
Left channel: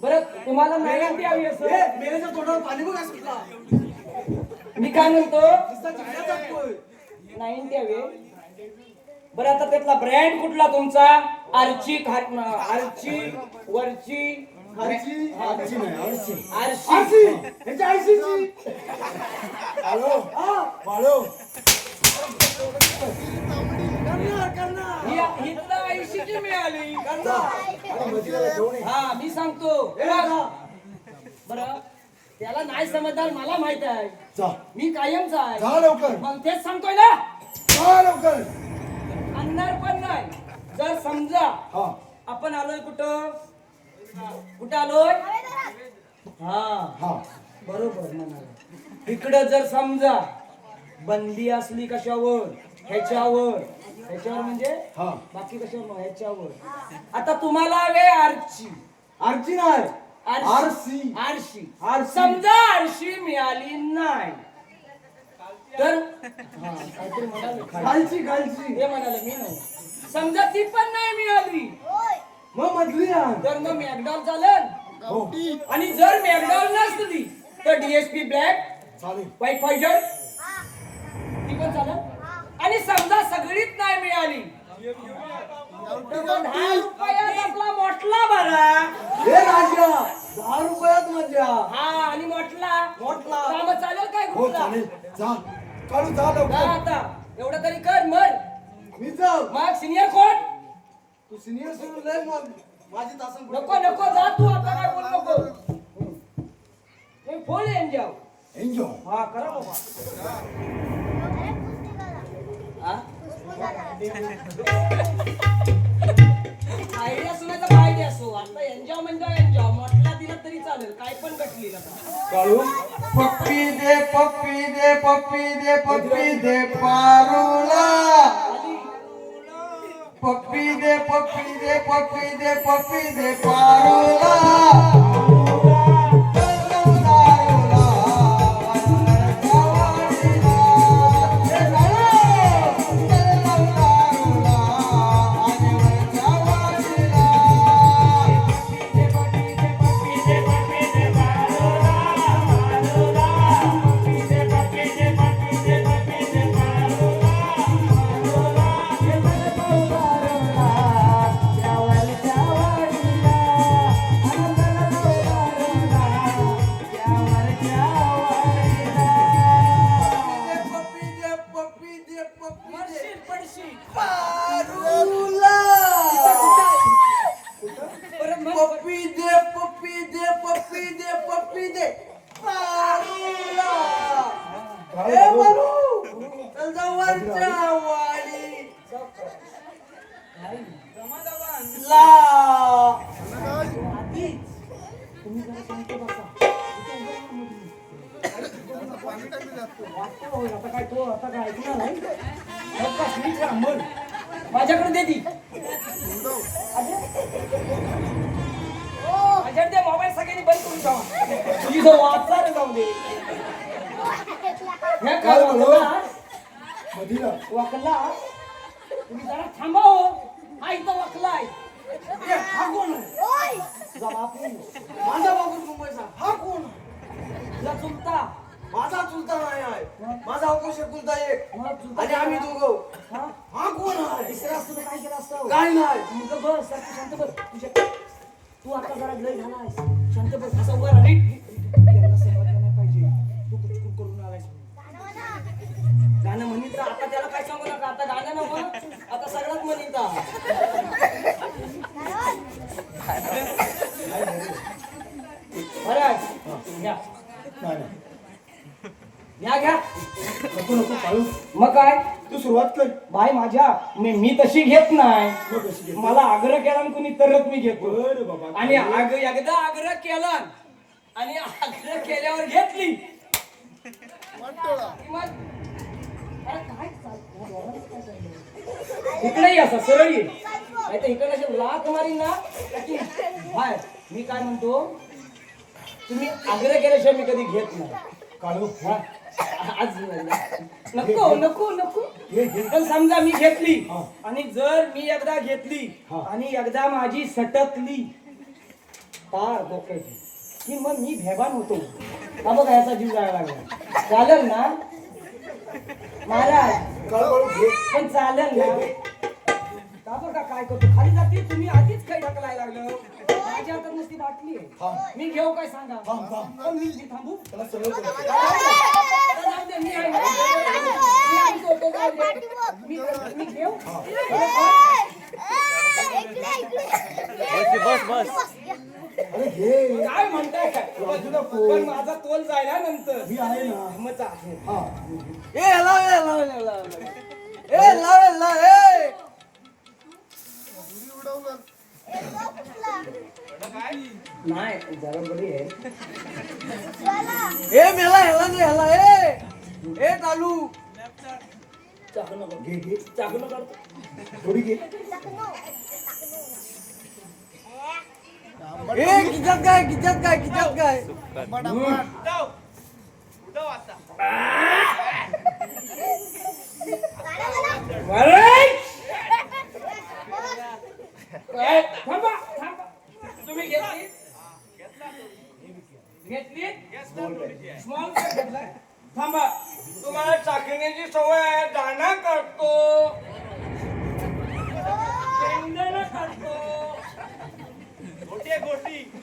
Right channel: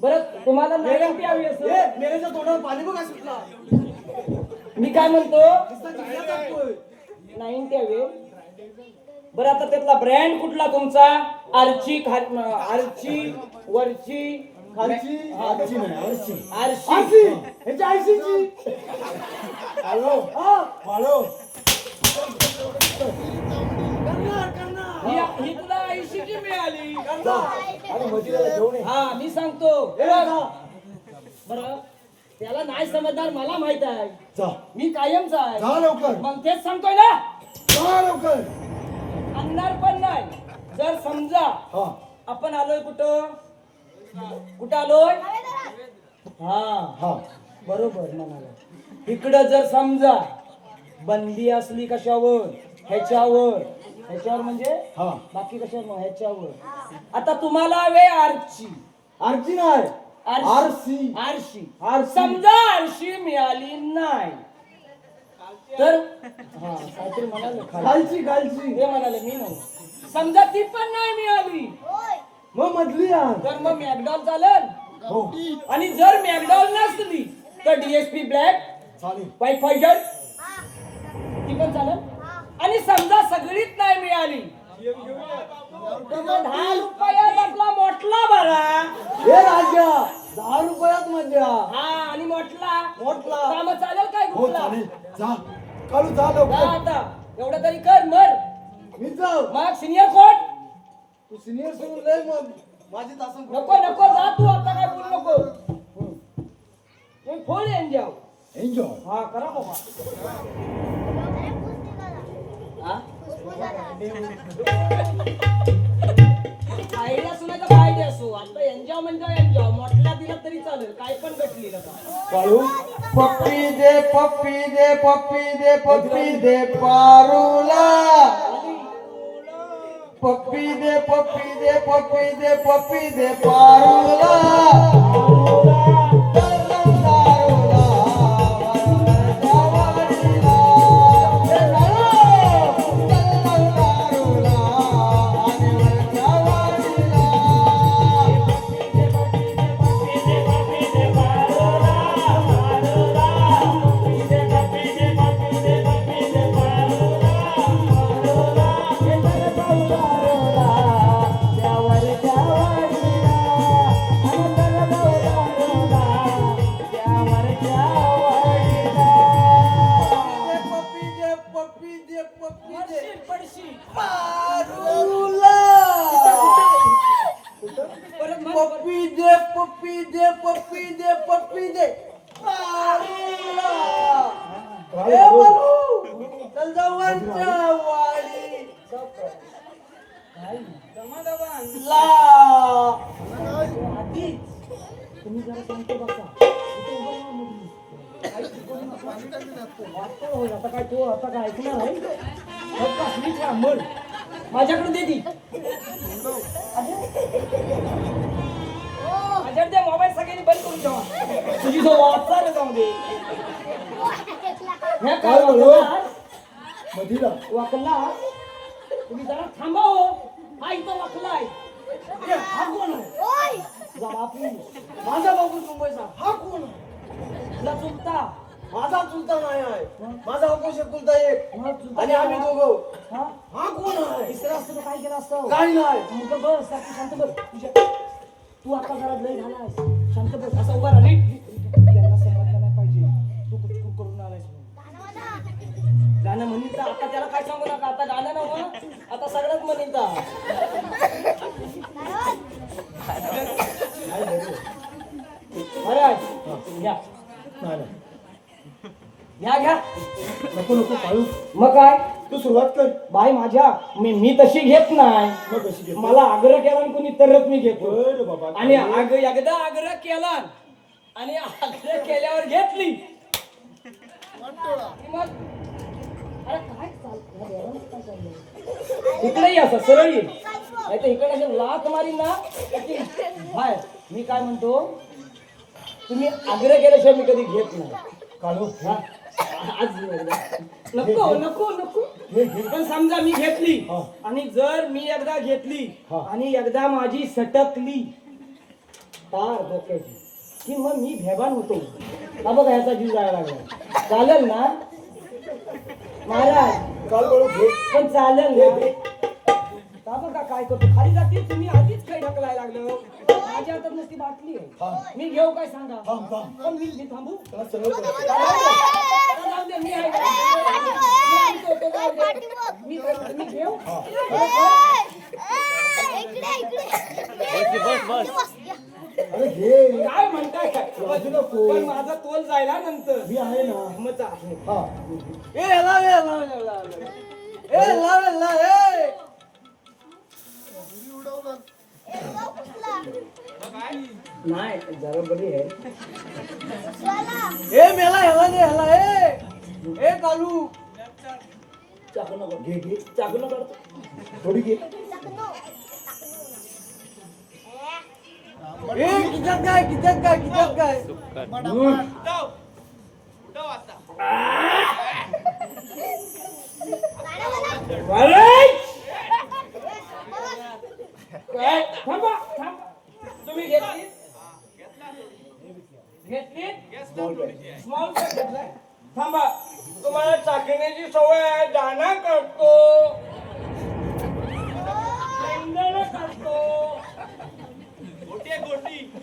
बरं तुम्हाला नाही हवी असं मेल्याच्या तोंडावर पाणी बघ सुटला मी काय म्हणतो नुसता जिल्ह्याचा टोळ. 90 हवे बरं आता त्यातला ब्रँड कुठला तुमचा आरची आरची वरची खालची आजची नाही आजची आरशी ह्याची आयसीची हॅलो हॅलो करणार ही तुला 80 ची मिळाली अरे मदिराला घेऊन ये. हा मी सांगतो बरं त्याला नाही समजणार मला माहित आहे जा मी कायमचा आहे जा लवकर मग तेच सांगतोय ना जा लवकर अंधार पण नाही जर समजा हा आपण आलोय कुठं आलोय हा हा बरोबर म्हणाला इकडं जर समजा बंदी असली कशावर ह्याच्यावर म्हणजे हा बाकी कशावर नाही, ह्याच्यावर आता तुम्हाला हवे आरची आरची नाही आरशी आरशी समजा आरशी मिळाली नाही तर हा, काहीतरी म्हणाले खालची हे म्हणाले मी नाही समजा ती पण नाही मिळाली मग मधली आण. तर मग मॅकडॉल चालेल हो आणि जर मॅकडॉल नसली तर डीएसपी ब्लॅक चालेल व्हाईट फायटर ती पण चालेल आणि समजा सगळीच नाही मिळाली तर मग 10 रुपयात आपला मोठला बघा हे राजा 10 रुपयात मजा हा आणि मोठला मोठला. काम चालेल काय हो कुठला चालेल जा काढू जा जा लवकर आता एवढं तरी कर मर मी जाऊ मग सिनियर कोण तू सिनियर सुरू लय मग माझी तासन नको जा तू आता काय बोल नको फुल एन्जॉय एन्जॉय हा करा बाबा हा आयडिया असो नाही तर आयडिया असो आता एन्जॉय म्हणजे एन्जॉय म्हटला दिला तरी चालेल काय पण घटली काढू पप्पी दे पप्पी दे पप्पी दे पप्पी दे पारूला पप्पी दे पप्पी दे पप्पी दे पप्पी दे पारूला पप्पी दे पप्पी दे पप्पी दे पडशी पारूला परत म्हण पप्पी दे पप्पी दे पप्पी दे पप्पी दे पारूला ए बाबू चल जाऊ वरच्या वाडी ला तुम्ही जरा सांगतो बसा आता काय तो आता काय ऐकणार नाही फक्त स्वीट राहा मग माझ्याकडे दे ती माझ्याकडे दे मोबाईल सगळ्यांनी बंद करून ठेवा तुझी जो वाचा जाऊ दे हे काय बोलो? मदिरा वाकला तुम्ही जरा थांबा हो हा इथं वाकलाय हा कोण आहे? जरा please. माझा बाबू मुंबईचा हा कोण तुला चुलता माझा चुलता नाही आहे माझा अपोष चुलता एक मग चुलता आणि आम्ही दोघं हा हा कोण आहे तिसरा असतो काय केलं असतं काय नाही मग बस शांत बस तुझ्या तू आता जरा लय झालायस शांत बस असं उभा राहा नीट त्यांना समजलं नाही पाहिजे तू कुचकुर करून आलायस गाणं म्हणील तर आता त्याला काय सांगू नका आता गाणं नको आता सगळंच म्हणील बरं आहे या नाही नाही घ्या घ्या नको नको काळू मग काय तू सुरुवात कर. बाई माझ्या मी तशी घेत नाही मग कशी घे? मला आग्रह केला आणि कोणी तरच मी घेतो बरं बाबा. आणि एकदा आग्रह केला आणि आग्रह केल्यावर घेतली की मग अरे काय इकडे असं सरळ ये नाही तर इकडे अशी लाथ मारी ना की बाहेर. मी काय म्हणतो तुम्ही आग्रह केल्याशिवाय मी कधी घेत नाही काळू हा. आज नको नको नको घे घे. पण समजा मी घेतली हा. आणि जर मी एकदा घेतली हा. आणि एकदा माझी सटकली तार डोक्याची की मग मी भेबान होतो का बघ याचा जीव जायला लागला चालेल ना महाराज काळू काळू घे. पण चालेल ना का बघा काय करतो खाली जाते तुम्ही आधीच काही ढकलायला लागलं माझ्या हातात नुसती बाटली हा. आहे मी घेऊ काय सांगा थांब थांब. पण मी थांबू त्याला सरळ कर. जाऊ दे, मी आहे ना. मी आमचं होतो, जाऊ दे. मी घेऊ अरे घे. काय म्हणताय काय बाजूला पो. पण माझा तोल जायला नंतर मी आहे ना. मग चालेल. हा ए लाव ए लाव ए नाही जरा बरी आहे ए मेला ह्याला दे ह्याला ए कालू चाकू नको घे घे. चाकू नको काढतो. थोडी घे. ए किचत काय अरे! काय? थांबा थांबा तुम्ही घेतली स्मॉल पॅक घेतलाय थांबा तुम्हाला चाकण्याची सवय आहे दाणा काढतो शेंगदाणा काढतो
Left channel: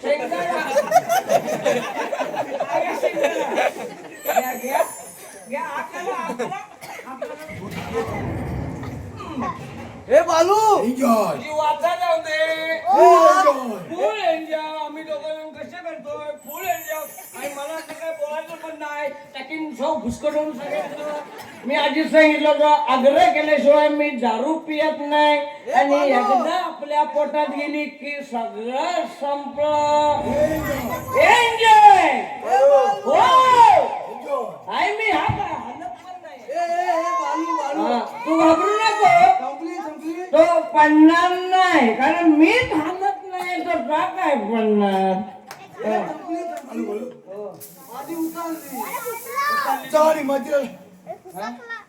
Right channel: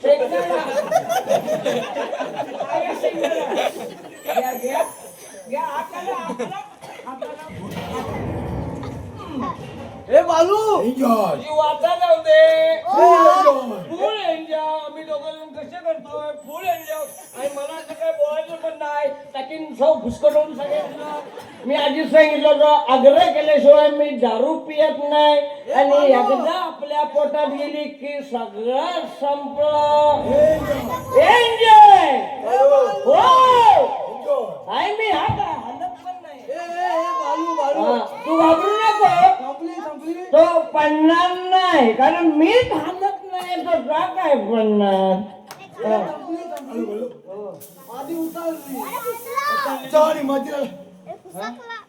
शेंगदाणा अरे शेंगदाणा घ्या घ्या घ्या आपल्याला ए बालू एन्जॉय. जीवाचा जाऊ दे एन्जॉय. फुल एन्जॉय आम्ही दोघं कसे करतोय फुल एन्जॉय आणि मला असं काय बोलायचं पण नाही टाकीन सौ घुसकटून सांगितलं मी आधी सांगितलं होतं आग्रह केल्याशिवाय मी दारू पियत नाही आणि एकदा आपल्या पोटात गेली की सगळं संपलं एन्जॉय हो आहे मी हा काय हालत पण नाही ए बालू हा, तू घाबरू नको संपली तो पडणार नाही कारण मी थांबत नाही तो का काय पडणार हा. काळू काळू. आधी उतारली जा आणि मधील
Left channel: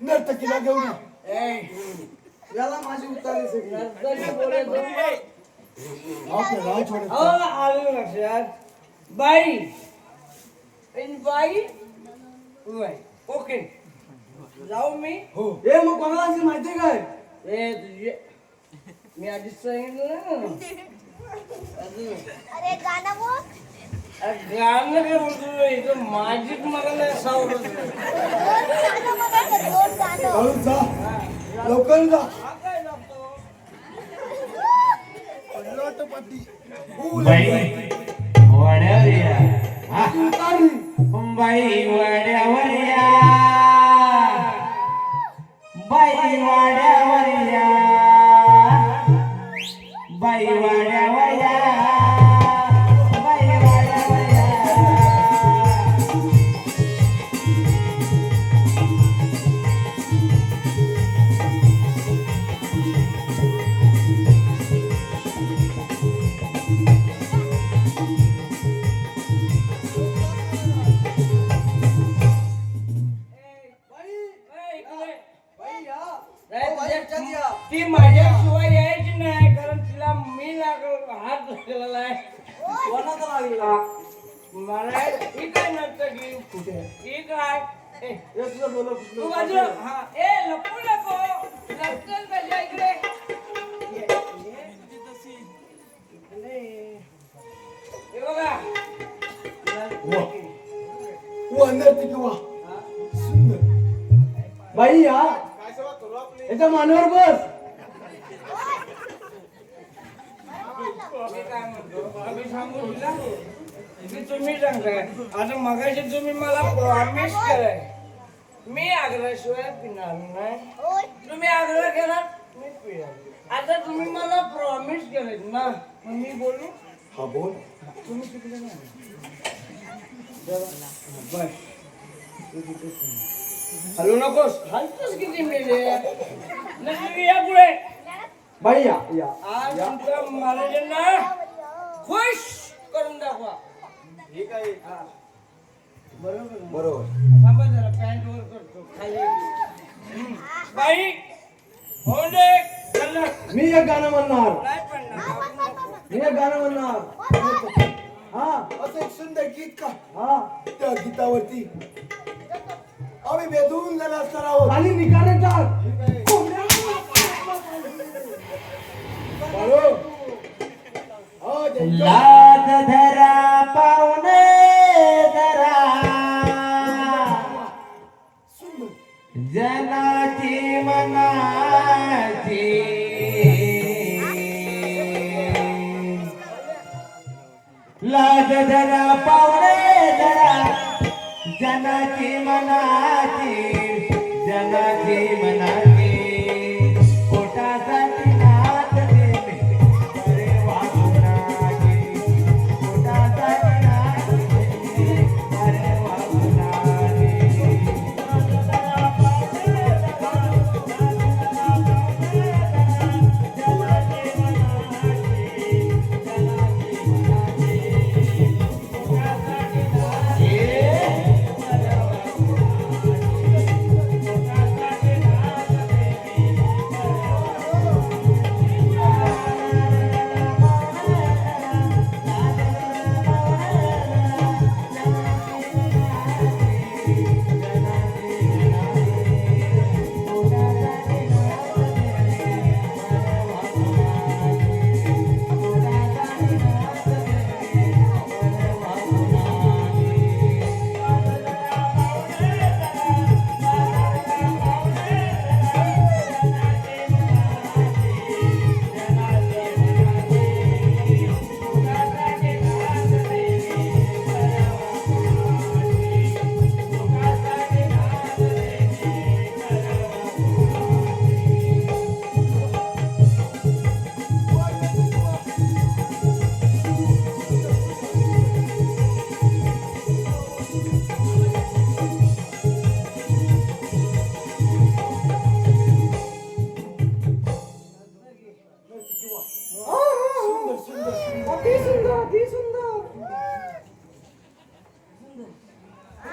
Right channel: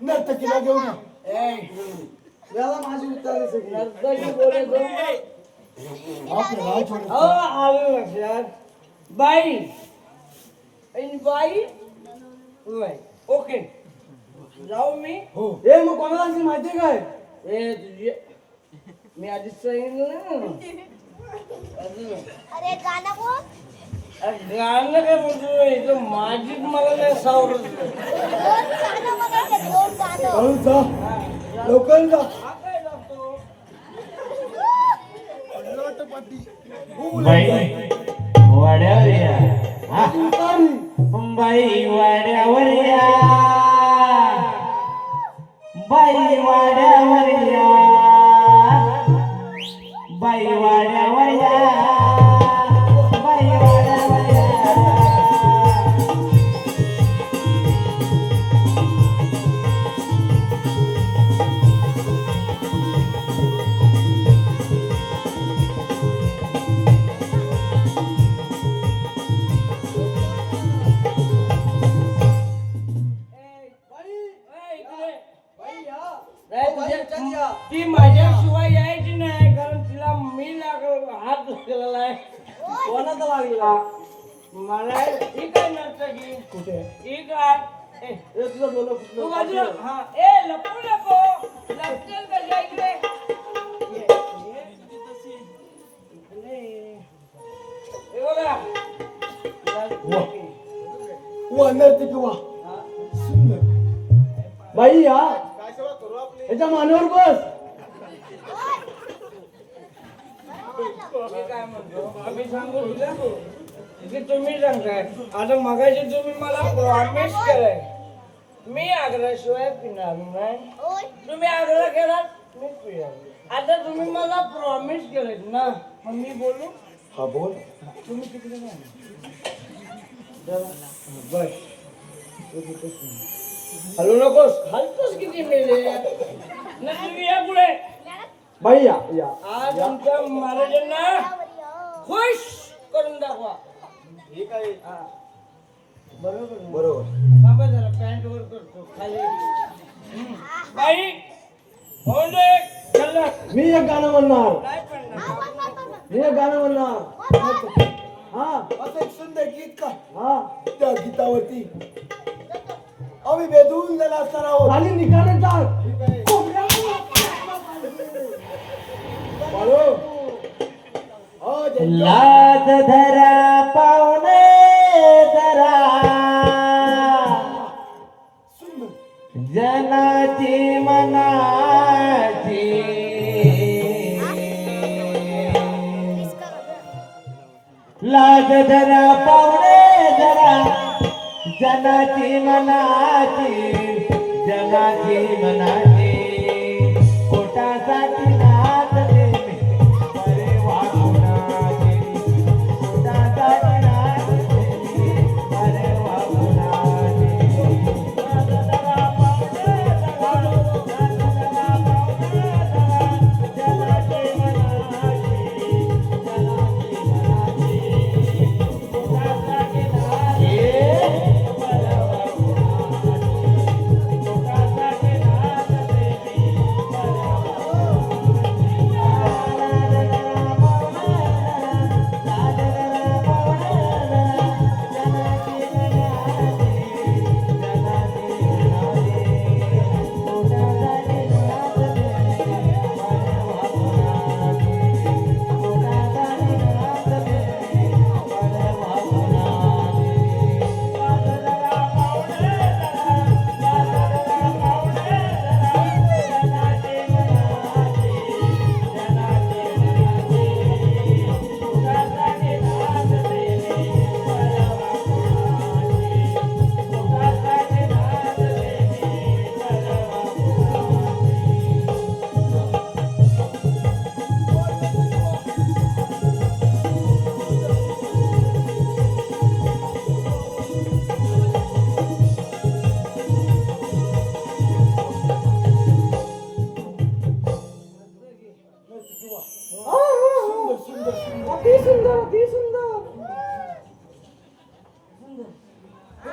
नर्तकीला घेऊन या. याला माझी उतारली सगळी नर्तकी बोलत आपलं राजवाड्यात हो आलं लक्षात बाई इन बाई बाई ओके जाऊ मी हो. ए मग कोणाला असेल माहिती काय ए तुझे मी आधीच सांगितलं ना. अजून अरे गाणं बोल. अरे गाणं काय म्हणतो इथं माझीच मला नाही सावरत नाही. काळू जा लवकर जा. हा काय लागतो वाड्यावर या उतारली. बाई वाड्यावर या बाई वाड्यावर या बाई वाड्यावर या बाई वाड्यावर या ती माझ्याशिवाय यायची नाही कारण तिला मी हात धरलेला आहे कोणाचा लागला मला ही काय नर्तकी कुठे ही काय ए, तू बाजूला हा ए लपू नको लपकन कशा इकडे ये, ये. इकडे. हे बघा वा नर्तकी वा हा. सुंदर. बाई या याच्या मानेवर बस मी काय म्हणतो मी सांगू तुला की तुम्ही सांगताय आता मगाशी तुम्ही मला प्रॉमिस केलंय मी आग्रहाशिवाय पिणार नाही. तुम्ही आग्रह केला मी पिणार. आता तुम्ही मला प्रॉमिस केले ना, मग मी बोलू. हा बोल. तुम्ही तिकडे नाही बस. हलू नकोस. हलतोस किती मेले नाही. या पुढे. बाई या या. आज तुमच्या महाराजांना खुश करून दाखवा. हे काय हा. बरोबर ना? बरोबर. थांबा जरा, पॅन्ट वर करतो खाली. बाई होऊन दे. खाल्लं. मी एक गाणं म्हणणार. नाही पडणार. मी एक गाणं म्हणणार. हा असं एक सुंदर गीत का हा. त्या गीतावरती आम्ही बेधून झाला असणार आहोत. खाली निकारण टाक. बाळू. हो, जय. लाज धरा पाहुणे धरा सुंदर जनाची मनाची लाज धरा पाहुणे धरा जनाची मनाची जनाची मनाची पोटासाठी नात देणे बरे वागुणाची पोटासाठी नात देणे बरे वागुणाची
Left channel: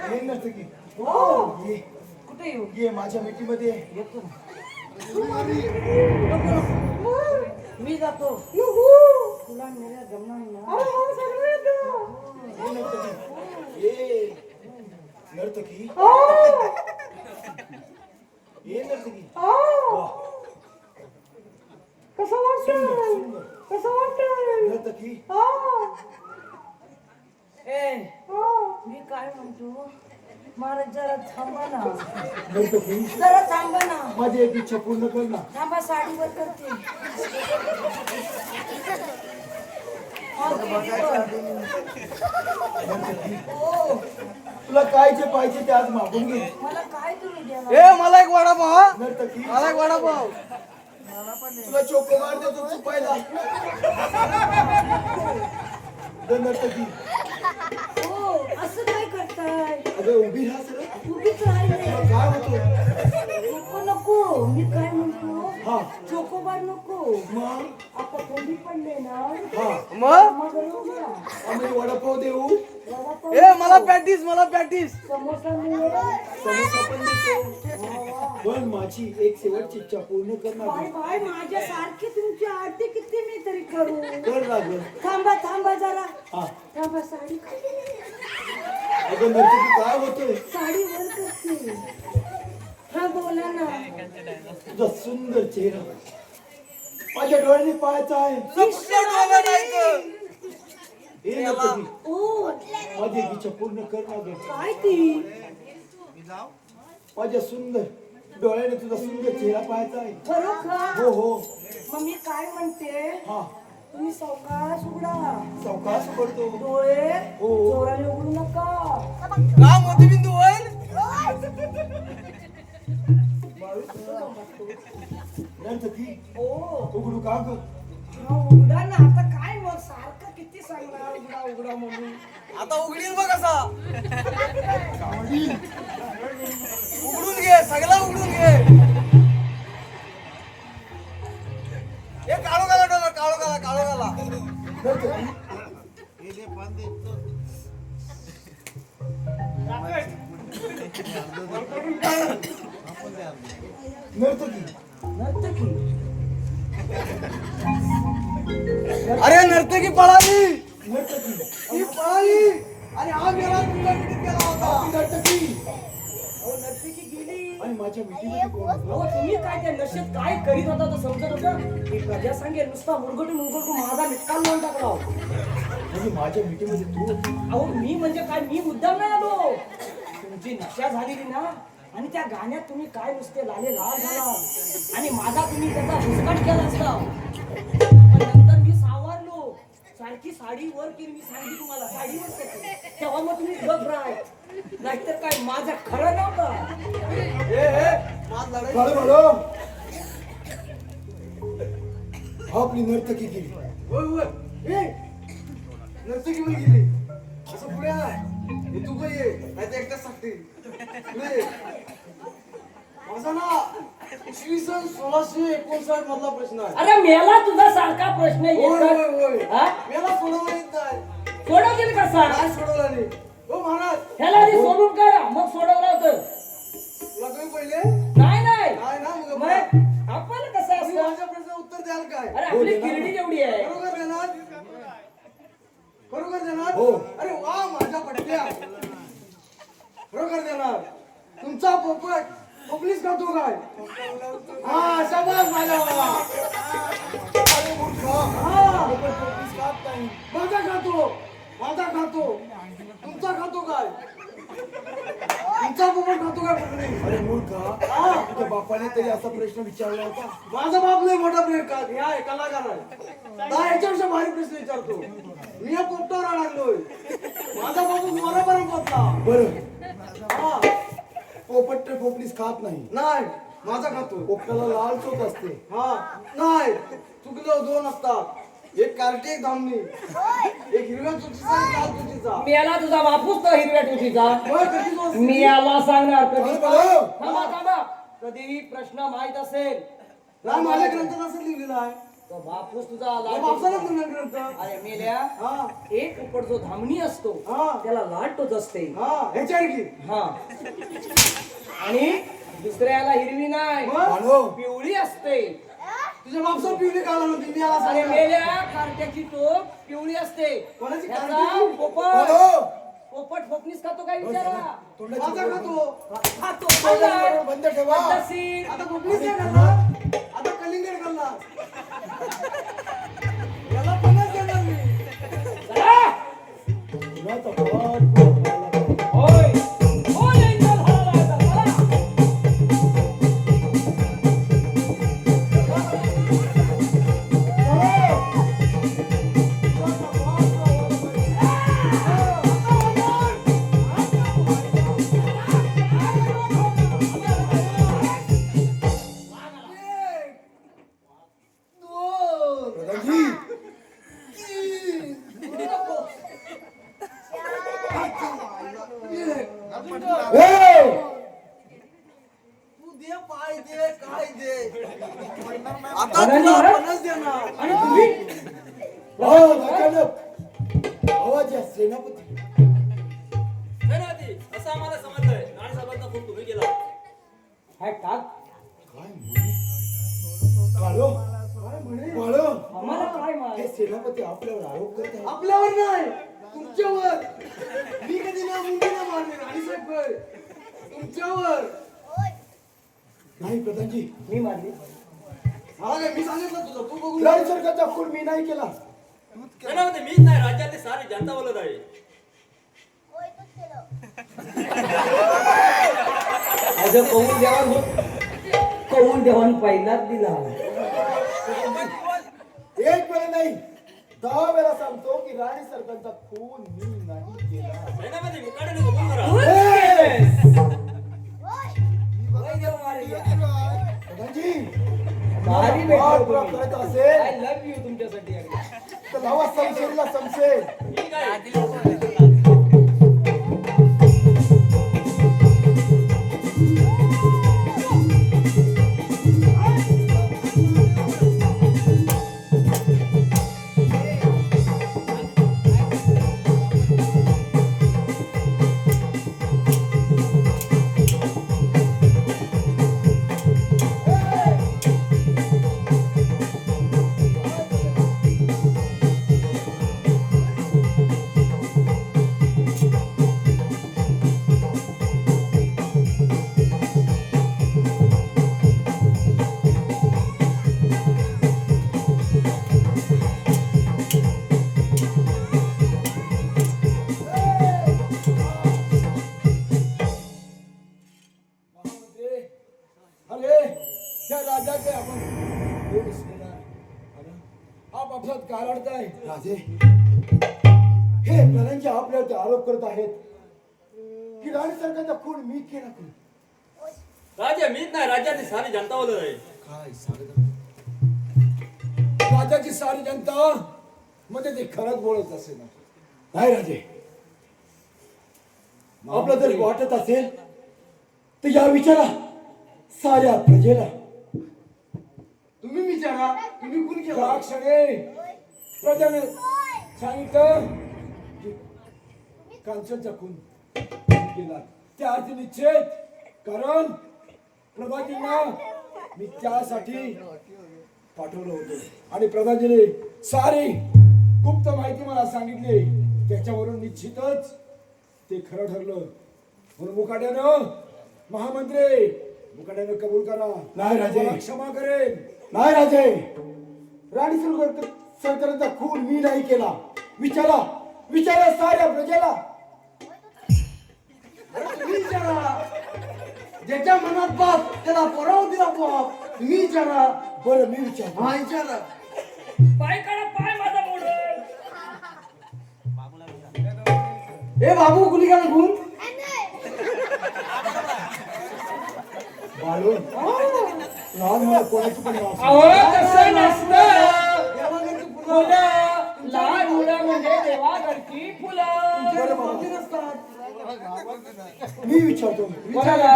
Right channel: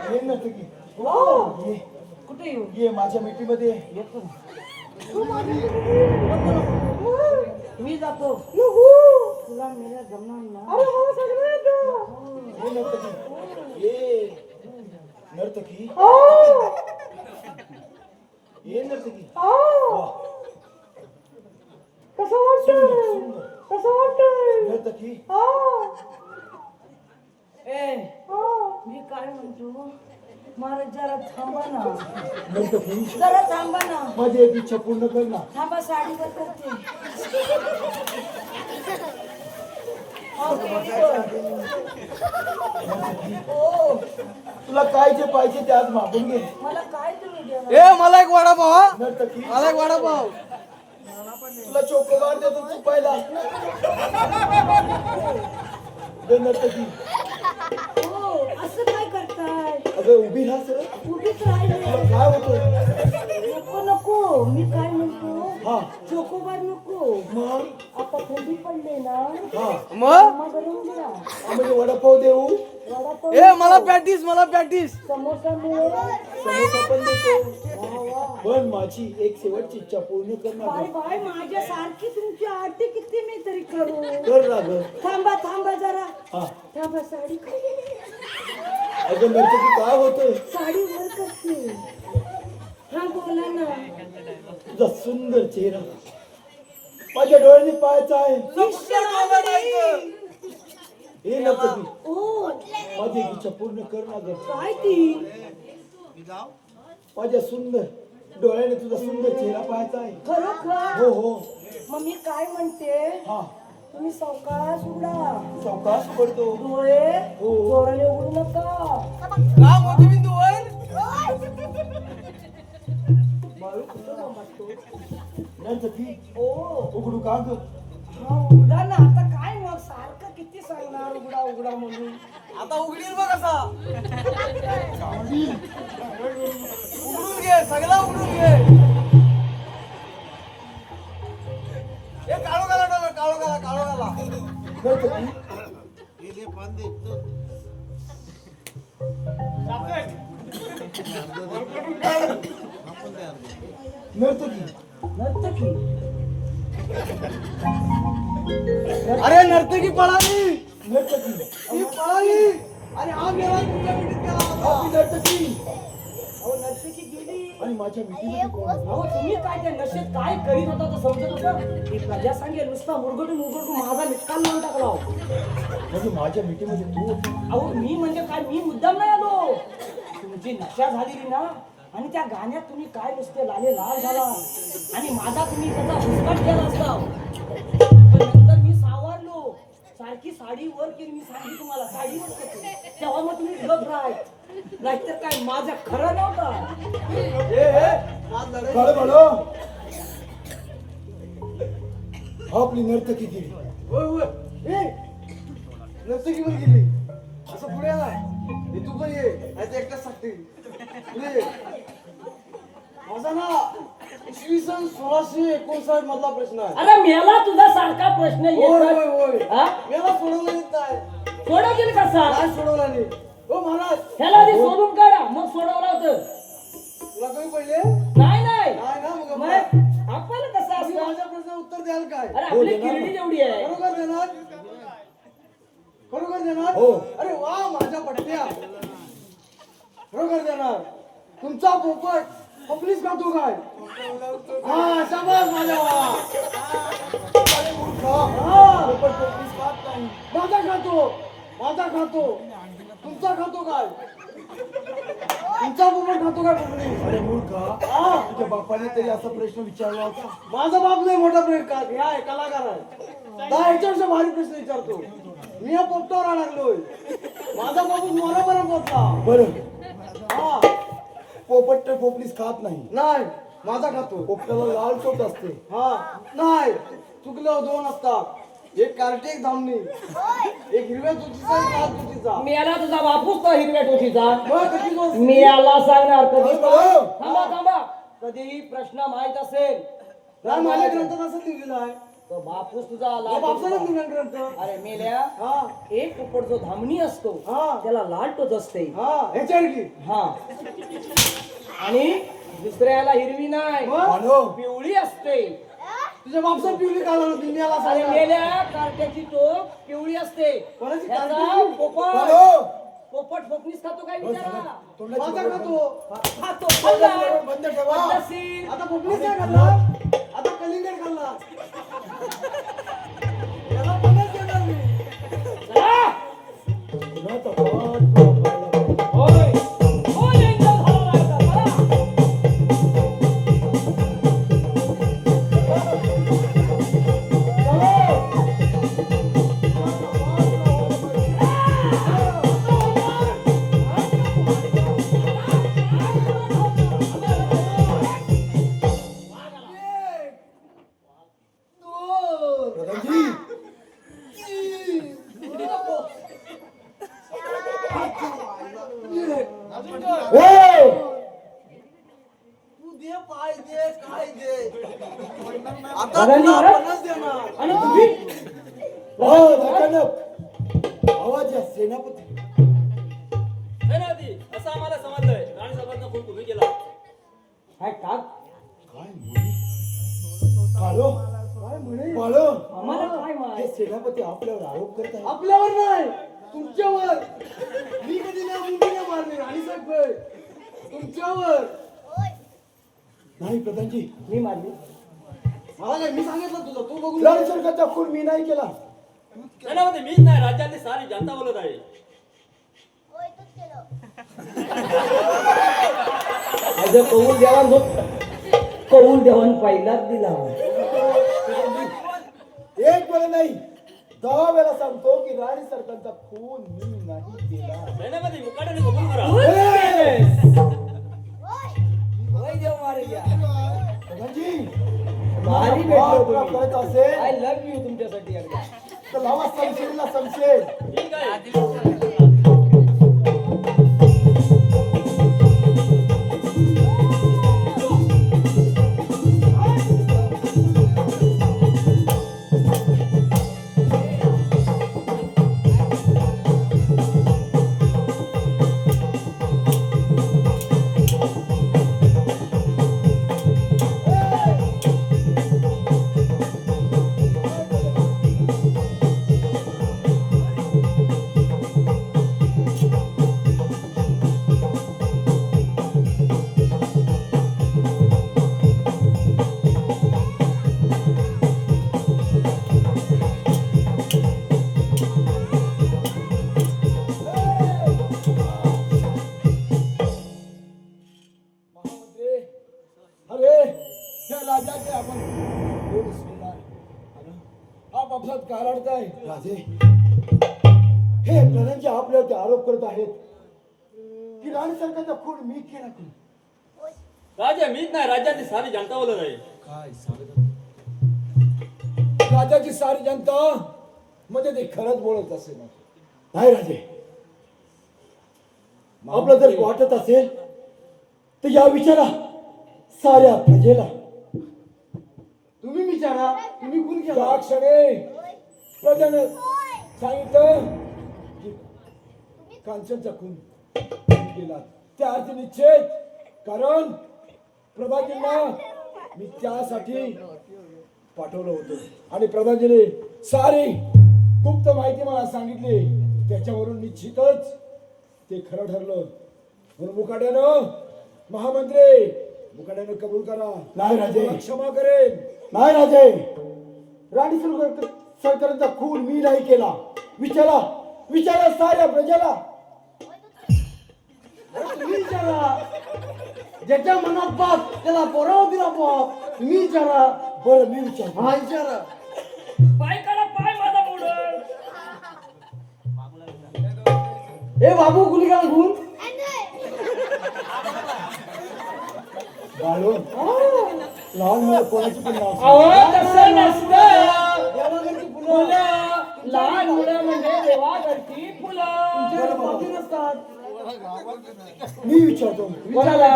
हे नर्तकी ये कुठे येऊ? ये माझ्या मिठीमध्ये येतो ना. नको नको. मी जातो. तुला मेरा जमणार ना. हे नर्तकी ये नर्तकी ये नर्तकी वाह सुंदर सुंदर नर्तकी ए मी काय म्हणतो, महाराज जरा थांबा ना. नर्तकी जरा थांबा ना. माझी एक इच्छा पूर्ण कर ना. थांबा, साडीवर करते. हो, तुला काय जे पाहिजे ते आज मागून घे. मला काय तुम्ही देणार? मला एक वडापाव. नर्तकी मला एक वडापाव. तुला चोकोबार देतो चुपायला. नर्तकी हो, असं काय करताय? अगं उभी राहा सर. उभीच राहिले. तुला काय होतं? नको नको. मी काय म्हणतो, हा चोकोबार नको. मग आता थंडी पडले ना, हा मग गरम घ्या. म्हणजे वडापाव देऊ. वडापाव मला नको. पॅटीस मला पॅटीस. समोसा मिळेल. समोसा पण देतो. पण माझी एक शेवटची इच्छा पूर्ण कर ना बाय गं. बाय, माझ्यासारखी तुमची आरती किती मी तरी करू. कर ना गं. थांबा थांबा जरा. हा थांबा, साडी अगं नर्तकी काय होतंय? साडी वर करते. हा बोला ना. तुझा सुंदर चेहरा माझ्या डोळ्यांनी पाहायचा आहे. हे नर्तकी ओ, माझी एक इच्छा पूर्ण कर ना गं. काय ती? माझ्या सुंदर डोळ्याने तुझा सुंदर चेहरा पाहायचा आहे. खरोखर? हो हो मग मी काय म्हणते, हा तुम्ही सावकाश उघडा. सावकाश पडतो. डोळे हो. जोराने उघडू नका. का मोठीबिंदू वर? नर्तकी ओ उघडू का ग? हा, उघडा ना आता काय मग सारखं किती सांगणार उघडा उघडा म्हणून आता उघडील बघ असा उघडून घे सगळा उघडून घे हे काळो घाला डोळा काळो घाला नर्तकी नर्तकी नर्तकी अरे नर्तकी पळाली नर्तकी ती पळाली आणि हा मेला तुमच्या पिढीत गेला होता आपली नर्तकी अहो नर्तकी गेली आणि माझ्या मिठीमध्ये कोण होतं? अहो तुम्ही काय त्या नशेत काय करीत होता तर समजत होता की प्रजा सांगेल नुसता उरगटून माझा निकाल लावून टाकला हो. म्हणजे माझ्या मिठीमध्ये तू होती. अहो मी म्हणजे काय मी मुद्दाम नाही आलो तुमची नशा झालेली ना आणि त्या गाण्यात तुम्ही काय नुसते लाले लाल झाला आणि माझा तुम्ही त्याचा हुसकाट केला असता पण नंतर मी सावरलो सारखी साडी वर केली मी सांगितली तुम्हाला साडी वर करते तेव्हा मग तुम्ही घबराय नाहीतर काय माझं खरं नव्हतं माझ लढाई काळो काळो आपली नर्तकी गेली. होय होय ए नर्तकी पण गेली असं पुढे आहे हे तू पण ये नाही तर एकटाच सांगते पुढे ये माझा ना 1659 मधला प्रश्न आहे अरे मेला तुझा सारखा प्रश्न होय येतात. होय होय हा? मला सोडवला येत नाही सोडवतील कसा काय सोडवला नाही हो महाराज ह्याला आधी सोडून काढा मग सोडवलं होतं तुला तुम्ही पहिले नाही नाही नाही ना मग मग आपल्याला कसं तुम्ही असतं माझ्या प्रश्नाचं उत्तर द्याल काय अरे आपली किरडी जेवढी आहे बरोबर देणार बरोबर देणार हो. अरे वा माझ्या पडत्या बरोबर देणार तुमचा पोपट पोपलीस खातो काय हा शाबास माझ्या वा अरे मूर्ख. हा पोपट पोपलीस खात नाही. माझा खातो तुमचा खातो काय तुमचा पोपट खातो काय पोपली अरे मूर्ख हा तुझ्या बापाने तरी असा प्रश्न विचारला होता. माझा बाप लय मोठा प्रयोग हे आहे कलाकार आहे दहा याच्यापेक्षा भारी प्रश्न विचारतो मी या पोपटावर अडकलोय माझा बाबू मनापर्यंत पोचला बरं हा पोपट तर पोपलीस खात नाही. नाही माझा खातो पोपटाला लाल चोच असते. हा नाही चुकलं दोन असतात एक कार्टी एक धामणी एक हिरव्या चुकीचा एक लाल चुकीचा मेला तुझा बापूच तर हिरव्या टोचीचा होय, कधी दोन? मी याला सांगणार काळो कधी काळो. थांबा थांबा कधी प्रश्न माहित असेल नाही माझ्या ग्रंथात असं लिहिलेलं आहे तो बापूस तुझा या लाल बापसाला टोचीचा. लिहिलं ग्रंथ अरे मेल्या हा एक पोपट जो धामणी असतो हा. त्याला लाल टोच असते हा ह्याच्यावर की हा आणि दुसऱ्याला हिरवी नाही मग? काळो. पिवळी असते तुझ्या बापसा पिवली काला होती मी याला अरे सांगणार मेल्या कार्ट्याची टोक पिवळी असते कोणाची त्याचा कार्टी? पोपट काळो. पोपट फोपणीस खातो काय विचारा तोंडाची माझा बोट खातो खातो बंद ठेवा. पद्धतशीर. आता पोपलीच काय खाल्ला आता कलिंगड खाल्ला याला 50 देणार मी आ! कुणाचा पाठ ठोकायला पाहिजे. होय. होय, यांचा झाला आता. प्रधानजी ए! तू दे पाय दे काय दे आता बघा तुला ना. 50 देणार आणि तुम्ही हो अचानक आवाज या सेनापती. सेनापती असं आम्हाला समजलंय राणी साहेबांचा फोन तुम्ही केला काय टाक काय म्हणे? काळो. काळो. आम्हाला काय हे माहित सेनापती आपल्यावर आरोप करत आहे. आपल्यावर नाही तुमच्यावर मी कधी ना मुंडीला मारले राणीसाहेब होय. तुमच्यावर नाही प्रधानजी मी मारली मला काय मी सांगितलं तुझं तू बघून लाल सरकारचा खून मी नाही केला. सेनापती मीच नाही राज्यातली सारी जनता बोलत आहे माझं कौल देवान पहिलाच दिला एक वेळा नाही 10 वेळा सांगतो की राणी सरकारचा खून मी नाही केला. सेनापती मुकाट्याने कबूल करा प्रधानजी मारी करत असेल आय लव्ह यू तुमच्यासाठी एकदा. तर लावा समशेरीला समशेर. ठीक आहे महामंत्री, अरे त्या राजाचे आपण दोन रिश्तेदार. अरे, आप आपसात का लढताय राजे? हे धनंजय आपल्यावरती आरोप करत आहेत की राणी सरकारचा खून मी केला करून. राजा मीच नाही राज्याची सारी जनता बोलत आहे. काय सांगत राजाची सारी जनता म्हणजे ते खरंच बोलत असेल ना? नाही राजे, आपलं जर वाटत असेल तर या विचारा साऱ्या प्रजेला. तुम्ही विचारा, तुम्ही कोण केला? त्या क्षणी प्रजाने सांगितलं की कांचनचा खून केला. त्या अर्थी निश्चित, कारण प्रधानजींना मी त्यासाठी पाठवलं होतं आणि प्रधानजीने सारी गुप्त माहिती मला सांगितली. त्याच्यावरून निश्चितच ते खरं ठरलं. म्हणून मुकाट्यानं महामंत्री मुकाट्यानं कबूल करा. नाही राजे, क्षमा करेन. नाही राजे, राणी सरकारचा खून मी नाही केला. विचारा विचारा साऱ्या प्रजेला. तुम्ही विचारा. ज्याच्या मनात बाप त्याला पोराला दिला बाप. तुम्ही विचारा. बरं मी विचारतो. हा विचारा. पाय काढा पाय माझा मोडल. ए बाबू कुणी गेला घेऊन? बाळू, लहान मुलं कोणाची पण नाव सांग. अहो तसं नसतं. देवाघरची फुलं. फुलं लहान मुलं म्हणजे देवाघरची फुलं. तुमच्याकडे बाबी नसतात. मी विचारतो. विचारा.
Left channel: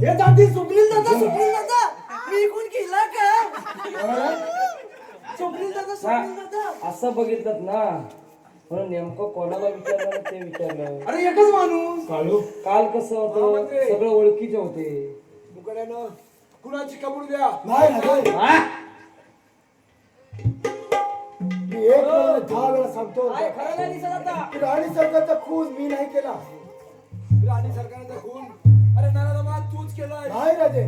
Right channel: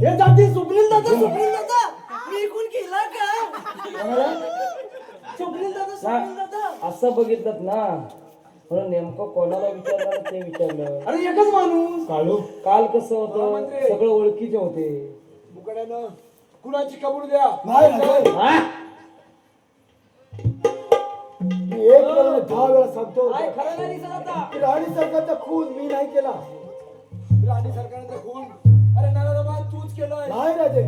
हे दादी सुपलील दादा, सुपलील दादा. मी कोण केला का? सुपलील दादा, सुपलील दादा. असं बघितलं ना म्हणून नेमकं कोणाला विचारलं ते विचारलं. अरे एकच माणूस. काळू, काल कसं होतं महामंत्री. सगळं ओळखीचे होते. मुकाट्यानं कुणाची कबूल द्या. नाही राजे, मी एक वेळा 10 वेळा सांगतो काय खरं नाही दिसत आता. की राणी सरकारचा खून मी नाही केला. राणी सरकारचा खून अरे नराधमा तूच केलाय. नाही राजे,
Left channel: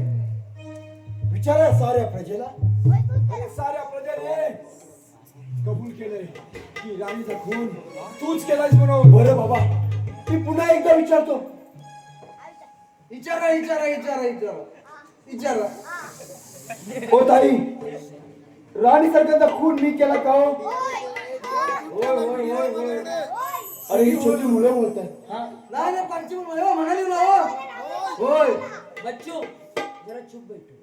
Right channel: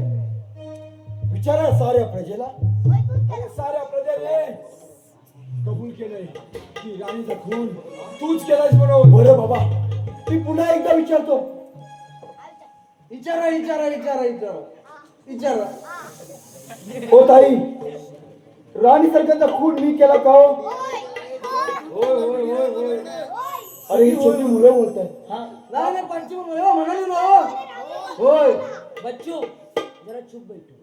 विचारा साऱ्या प्रजेला. अरे साऱ्या प्रजेने कबूल केलंय की राणीचा खून तूच केलायस म्हणून. बरं बाबा, मी पुन्हा एकदा विचारतो. विचारा, विचारा, विचारा, विचारा. विचारा. हो ताई, राणी सरकारचा खून मी केला का हो? होय होय होय होय. अरे ही छोटी मुलं बोलतात. नाही नाही, पंचमी मला म्हणाली ना हो. होय. बच्चू जरा चुप बैठो.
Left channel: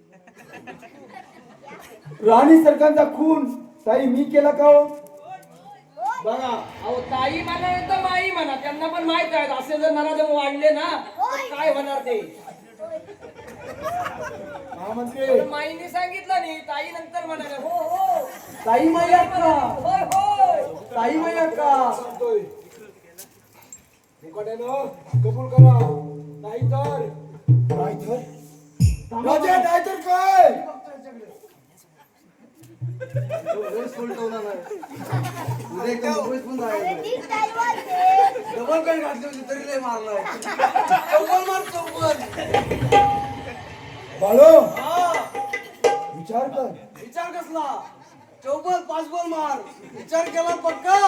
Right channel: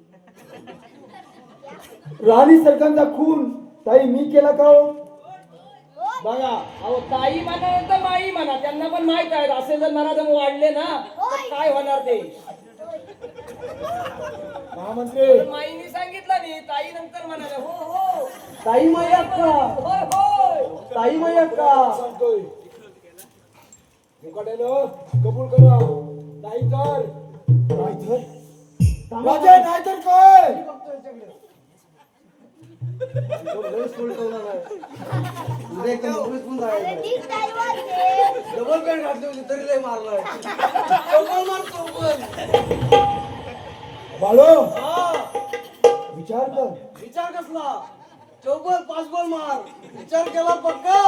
राणी सरकारचा खून ताई मी केला का हो? बघा अहो ताई म्हणा नाही तर माई म्हणा, त्यांना पण माहित आहे असे जर नराधम वाढले ना तर काय होणार ते. महामंत्री, माईने सांगितलं नाही, ताई नंतर म्हणाले हो हो ताई माई अक्का. होय होय. ताई माई अक्का. सांगतोय मुकाट्यानं कबूल करा. नाहीतर राजा, नाहीतर काय? उद्या एकदम नोकरीत पण जायचं. डबल पॅन्ट घातली होती तरी लय मारलाय. चौपल मार, चौपल. बाळो, हा. विचार कर. विचार कसला? चौपल 5 बॉल मार. विचार केला पक्का.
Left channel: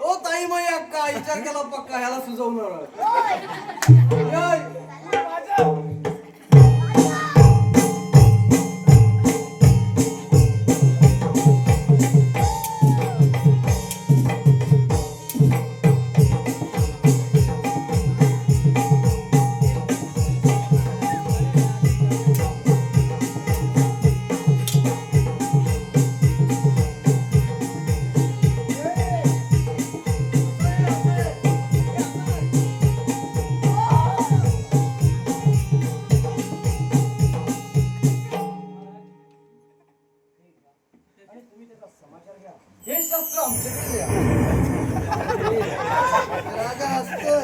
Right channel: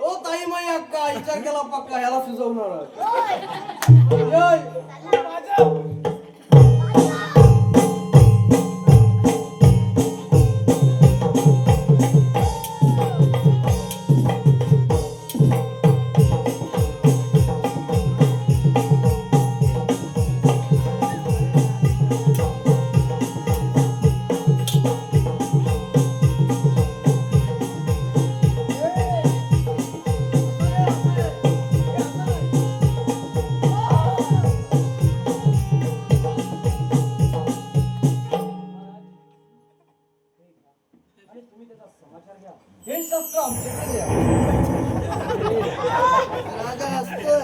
ओ ताई माई अक्का, विचार केला पक्का. ह्याला सुचवणार.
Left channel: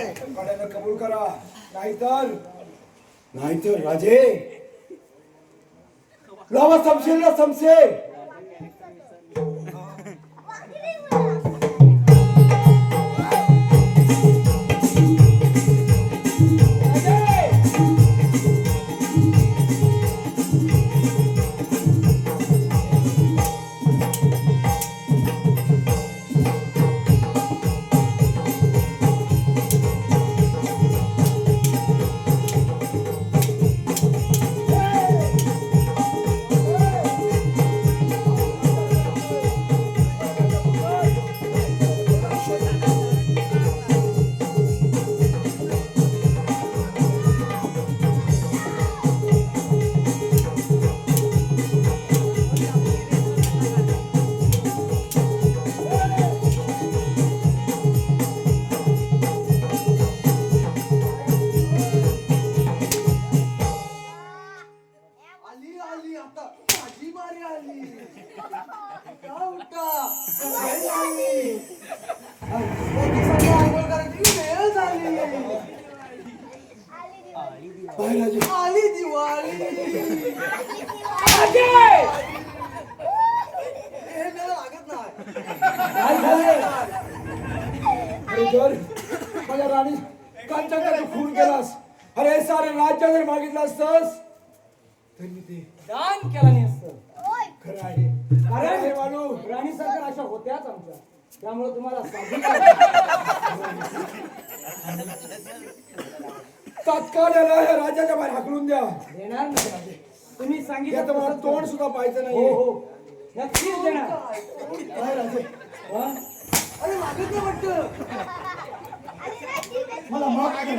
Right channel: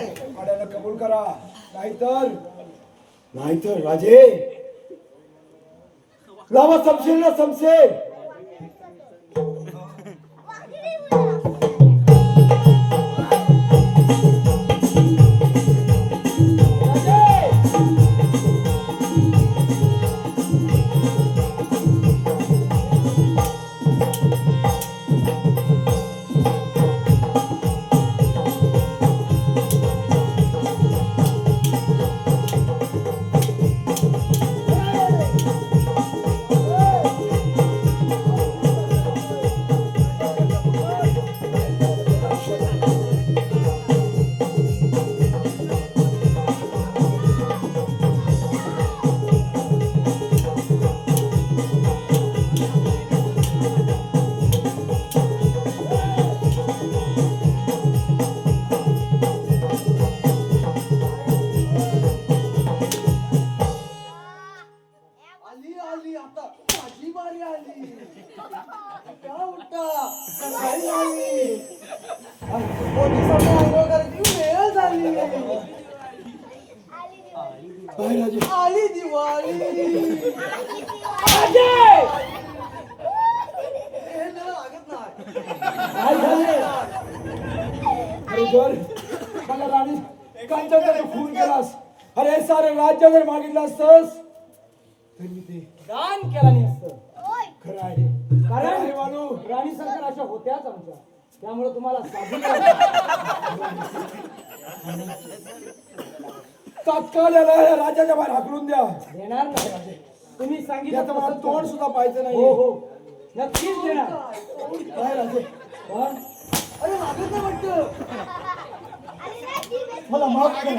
आहे कड्यानं कबूल करा, नाहीतर राजे लावा समशेर ना समशेर. आली आली आता माझी बारी आली का उठा सकाळी आली पोलिसांना आंघोळ करायची वेळ झाली काय राजे आली दिवाळी हे मला लागत नाही अरे जर मला राणी कांचनचा तू खून केलास, अरे सारे राज्य जर मागितलं असतंस तर मी ते दान केला नाही असतं. खरं आहे. कारण हे मानू राणी सरकार अशा होत्याच आमच्या, त्यामुळे तुम्हाला साधू तात्काळ याला या राजाच्या बाहेर हाकलून द्या. देणार नाही राजे. तुम्ही याचं सांगितलं मला तसंच तोंड करू. सुद्धा पाहायचं हो नाही. हो नक्कीच देणार. काय राजे हा? अरे मागत नाही वाटतं मला माफ कर.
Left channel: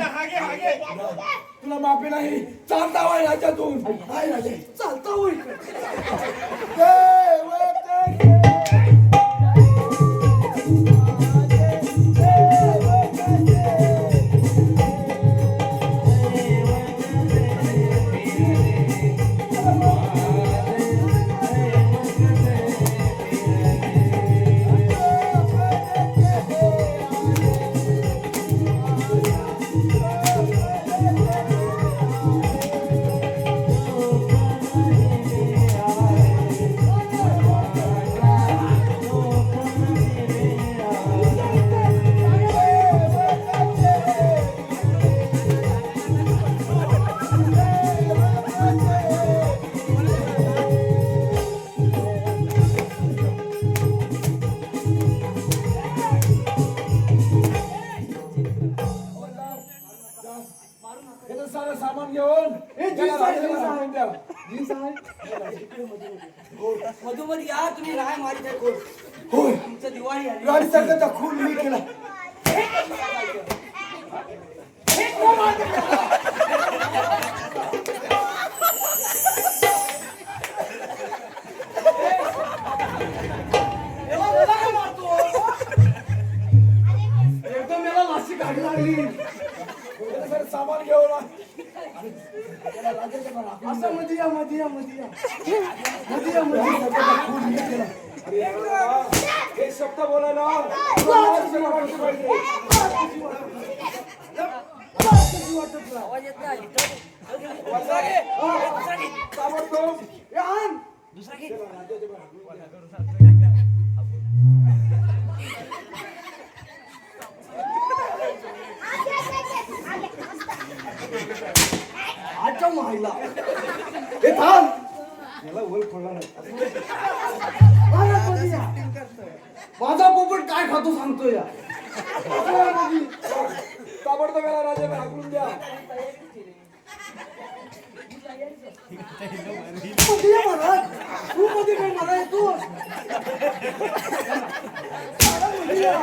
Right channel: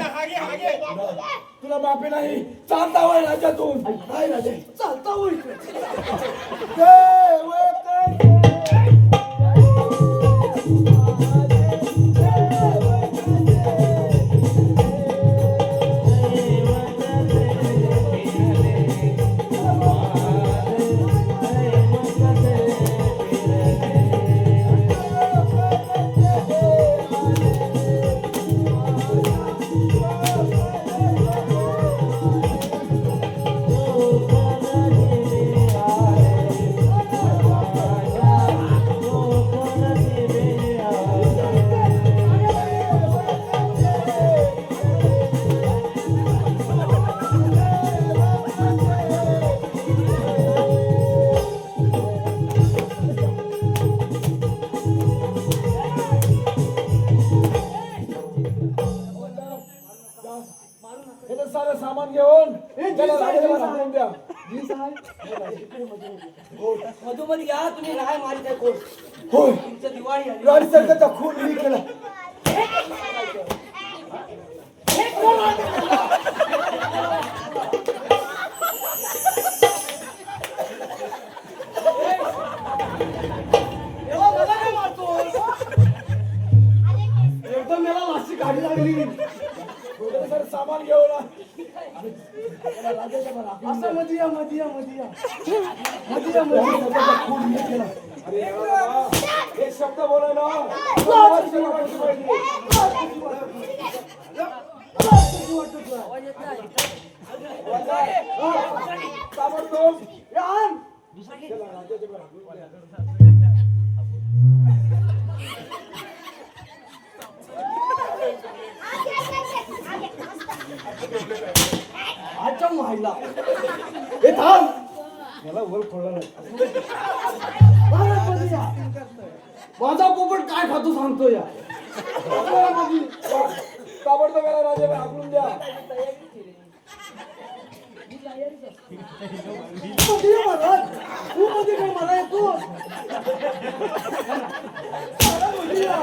तुला माफी नाही, चालता वय राज्यातून. काय राजे चालता होईल हे तर सारं सामान घेऊन त्याला राजाच्या बाहेर हाकलून द्या. मधोमध या तुम्ही राय मारित आहे कोण. होय, तुमचं दिवाळी आली. राणी सरकारचा खून मी केला. तेव्हा मला काय मारतोस? एकदम मला माशी गाडी लागली हे तर सारं सामान घेऊन आणि त्याला राजाच्या बाहेर हाकलून द्या. असं मध्ये या मध्ये या मध्ये या राणी सरकारचा खून मी केला. अरे याला हे शब्द बोलायला लाज वाटली पाहिजे. ताबडतोब हे आण. त्याला राजाच्या बाहेर हाकलून द्या. आजच्या माहिला हे थांब याला वर पडला नाही. माझा पोपट काय खातो सांगतो या ताबडतोब याला राजाच्या बाहेर हाकलून द्या. कधी ये मला तू कधी काय मला येतो मला मध्ये या.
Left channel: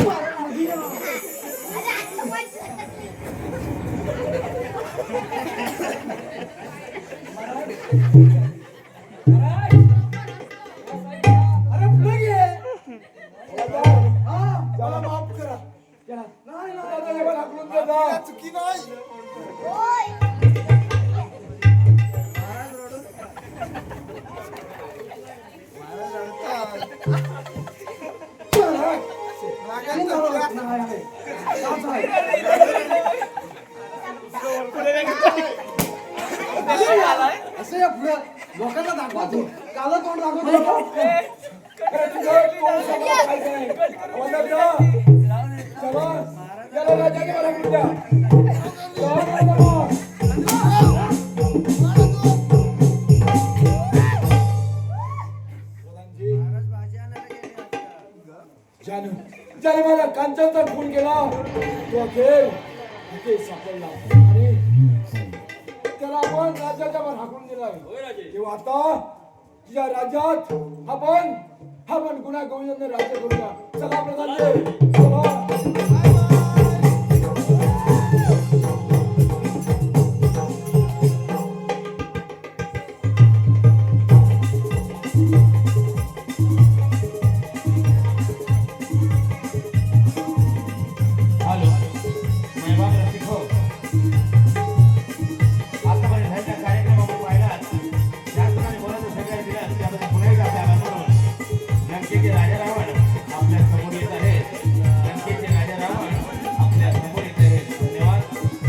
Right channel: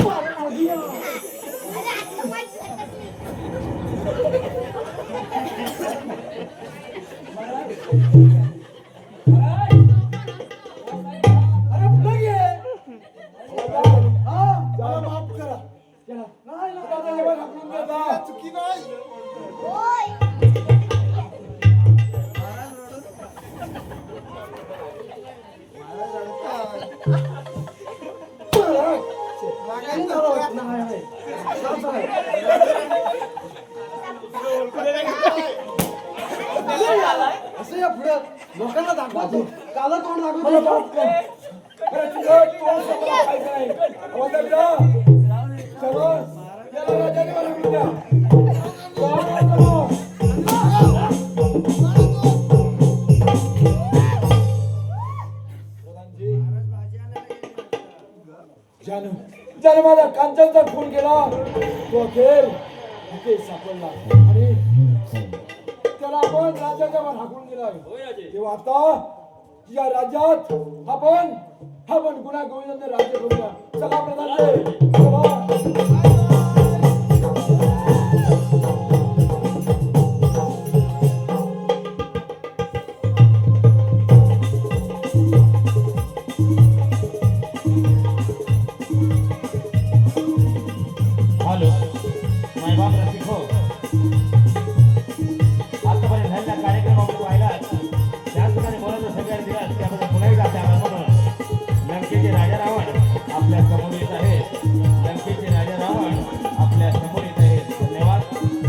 मला मध्ये या. अरे पुढे घे हा त्याला माफ करा. नाही ना राजाच्या बाहेर हाकलून द्या ना. चुकी नाही रागाने झालं होतं. असं या पुढे लोकांना दाखवा तू काला तोंड दाखव ज्याने माझ्या कांचनचा खून केला तो अखेर इथे सापडला आणि त्याला आपण राज्याच्या वर हाकून दिलाय. तेव्हा आता या राज्यात आपण गुन्हा गोविंदाने राज्य करूया. चला प्रधानजी, चला.